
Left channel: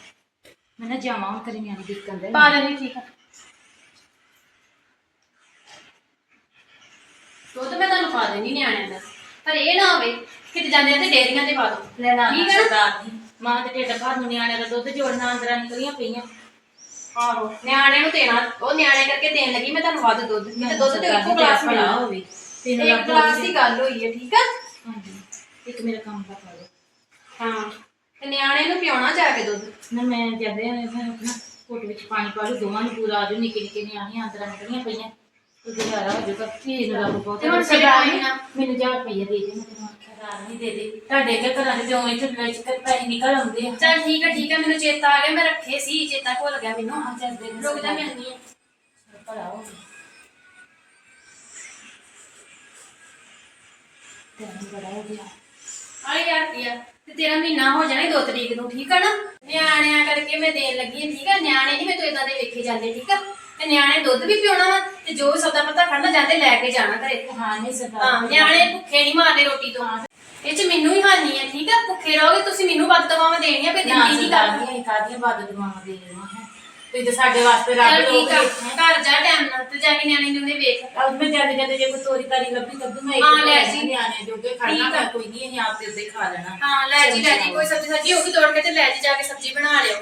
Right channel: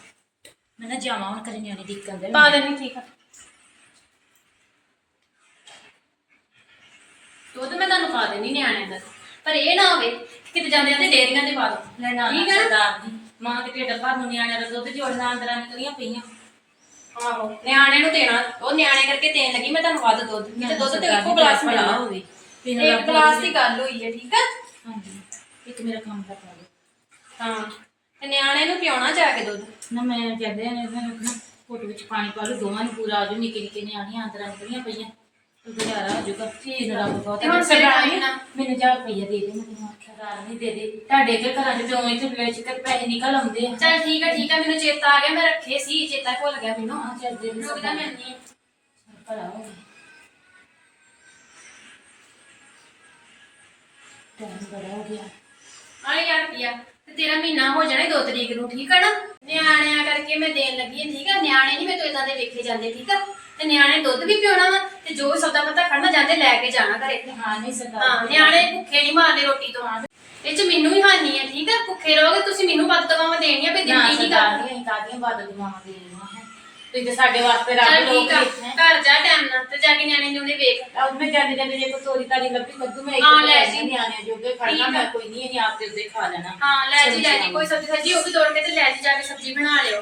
ਮੈਂ। ਨਾ ਜਾਵਾਂ ਹੁਣ ਕਰੇ ਨਿਆਣੇ ਦੇਖਣ ਦੇ। ਪਾ ਦੇਣੀ ਠੀਕ ਆ। ਦੁੱਧ ਮੈਂ ਤੁਹਾਨੂੰ ਪਾ ਦੇਣੀ ਨਿਆਣਿਆਂ ਦਾ। ਪਰ ਇਹ ਨਾ ਹੋਵੇ ਕਿਤੇ ਜਾਂਦੇ ਆ ਤੇ ਡੇਰੀਆਂ 'ਚ ਪਾ ਦੋ ਲੈਣਾ ਠੀਕ ਹੈ ਨਾ? ਸਰਦਾਰ ਜੀ ਮਾਂ ਦੇ ਢਿੱਡ ਭਰ ਨੂੰ ਨਿਆਣਿਆਂ ਦਾ ਦੁੱਧ ਜੋੜਨਾ ਅੰਦਰਾਂ ਨਿਕਲੀਆਂ ਪਈਆਂ। ਆਹੋ ਨਿਆਣੇ ਨੂੰ ਦੇਣਾ ਉਹ ਨਿਆਣੇ ਕਰਕੇ ਦੇਣ ਲੱਗੀ ਮੈਂ ਤੁਹਾਨੂੰ ਵੱਧ ਦੁੱਧ ਕਿਤੇ ਦੁੱਧ ਤੇ ਇੱਕੋ ਗਲਾਸ ਮਿਲਣਾ ਹੋਵੇ ਤੈਨੂੰ ਇੱਕ ਗਲਾਸ ਦੀ ਗੱਲ ਹੋਈ ਹੈ ਠੀਕ ਆ? ਹਾਂਜੀ। ਇੱਕ ਮੇਰਾ ਕੰਮ ਦਾ ਪਾ ਹਾਂ ਤੇ ਨਿਆਣੇ ਨੂੰ ਪਿਉਣਾ ਜਾ ਕੇ ਦੁੱਧ? ਨਾ ਮੈਂ ਕਹਿੰਦੇ ਨੇ ਮੈਂ ਆਪਣਾ ਕੋਟ ਵਿੱਚ ਪਾਣੀ ਪਾ ਲਓ ਦੋਵਾਂ ਨੂੰ ਪੂਰਾ ਆਜੋ ਨਿੱਕੇ ਨਿੱਕੇ ਨਿਆਣੀਆਂ ਅੰਦਰਾਂ ਨਿਕਲੀਆਂ ਪਈਆਂ। ਤੇ ਗੁਜ਼ਾਰਾ ਹੋ ਜਾਊਗਾ ਫੇਰ ਰੱਬ ਬਹੁਤ ਤੇ ਹੁਣ ਸਰਦਾਰ ਆਈ ਜੀ, ਨਾ। ਮੈਨੂੰ 1000 ਰੁਪਈਆ ਦੇ ਦੇ ਮੈਂ ਤੈਨੂੰ ਆਖਿਆ ਨਹੀਂ ਦੇ ਦੇ। ਤੁਹਾਡੇ ਕੇ ਘਰਾਂ ਦੇ ਜਿਉਂ ਇੱਥੇ ਵਿੱਚ ਕਰ ਪੈਸੇ ਨਿਕਲ ਆਉਂਦੇ। ਆ ਚੱਲ ਠੀਕ ਆ ਠੀਕ ਆ ਮੈਨੂੰ ਚੇਤਾ ਆ ਗਿਆ ਮੈਂ ਰੱਖੇ ਸੀ ਚੇਤਾ ਭੁੱਲ ਗਿਆ ਮੈਨੂੰ। ਹਾਂ ਚੱਲ ਦੇ ਦੇ ਰੁਕ ਜਾ। ਮਿਲਣੀ ਹੈ ਭਲਾ ਹੋ ਗਿਆ। ਟਾਈਮ ਬੜਾ ਹੋ ਗਿਆ। ਆ ਯਾਰ ਰੁਪਿਆ ਤੇ ਤੇਰਾ ਮਹੀਨਾ ਹੋ ਜਾਣਾ 2 ਤਰੀਕ ਨੂੰ ਠੀਕ ਆ ਨਾ? ਨਿਆਣਿਆਂ ਕਰਕੇ ਮੈਂ ਦੇਣ ਲੱਗੀ ਹਾਂ ਠੀਕ ਆ? ਨਿਆਣੇ ਨਹੀਂ ਮੇਰੇ ਤੋਂ ਇਦਾਂ ਦੇ ਵੇਖੇ ਜਾਂਦੇ ਠੀਕ ਆ? ਤੇ ਨਿਆਣੇ ਦੁੱਧ ਵੀ ਪਿਉਣਾ ਵਾ ਤੇ ਜੋ ਸੌਦਾ ਪਤਾ ਖੜਨਾ ਜਾਂਦੇ ਲੈ ਕੇ ਜਾਣਾ ਘਰੇ। ਹਾਂ ਨਹੀਂ ਸਰਦਾਰ ਹਾਂ ਨਿਆਣੇ ਭੁੱਖੇ ਨਹੀਂ ਮਾਰਦੇ ਰੋਟੀ ਤੋਂ। ਇਹ ਚ ਮੈਨੂੰ ਹੀ ਹਾਨੀ ਹੈ ਠੀਕ ਆ? ਭੁੱਖੇ ਰਹੋਗੇ ਤੁਸੀਂ ਮੈਨੂੰ ਵੱਧ ਦਵਾਵਾਂ ਦੇਣੀਆਂ ਪਈ ਨਾ ਦਿੰਦੀ ਨਹੀਂ ਸਰਦਾਰ ਕਰ ਦੀਆਂ ਕਾਦੀਆਂ ਬਾਦ ਦੁਆਵਾਂ ਦੇ ਰਹੀਆਂ ਹੈ? ਤੁਸੀਂ ਤੇ ਸਾਡੇ ਵਾਸਤੇ ਰੱਬ ਚੱਲ ਲੋਕ ਠੀਕ ਆ ਇੱਥੇ ਘਰ ਜਾ ਟਾਈਮ ਨਾਲ ਤੇ ਜਾ ਕੇ ਨਿਆਣੇ ਨੂੰ ਵੇਖ। ਆਉਂ ਮੈਂ ਜਾਂਦੇ ਜਾਂਦੇ ਜੇ ਕੋਈ ਤੋਰੀ ਤਾਰੀ ਲੱਭੀ ਕੱਦੂ ਮੈਂ ਇੱਕ ਹਾਂ, ਲੈ ਜੀ। ਨਿਆਣੇ ਜੋਗੇ ਠੀਕ ਆ। ਮੈਂ ਕੋਈ ਨਹੀਂ ਅਸੀਂ ਆਪ ਤੇ ਉੱਤੇ ਖਾ ਲੈਣਾ। ਹਾਂ ਲੈ ਜੀ ਲੈ ਜੀ ਕੋਈ ਸਬਜ਼ੀ ਸਬਜ਼ੀ ਉਹ ਵੀ ਤੋੜ ਕੇ ਤੇ ਲੈ ਜੀ ਜਾ ਕੇ ਸਬਜ਼ੀ ਬਣਾ ਲਿਓ।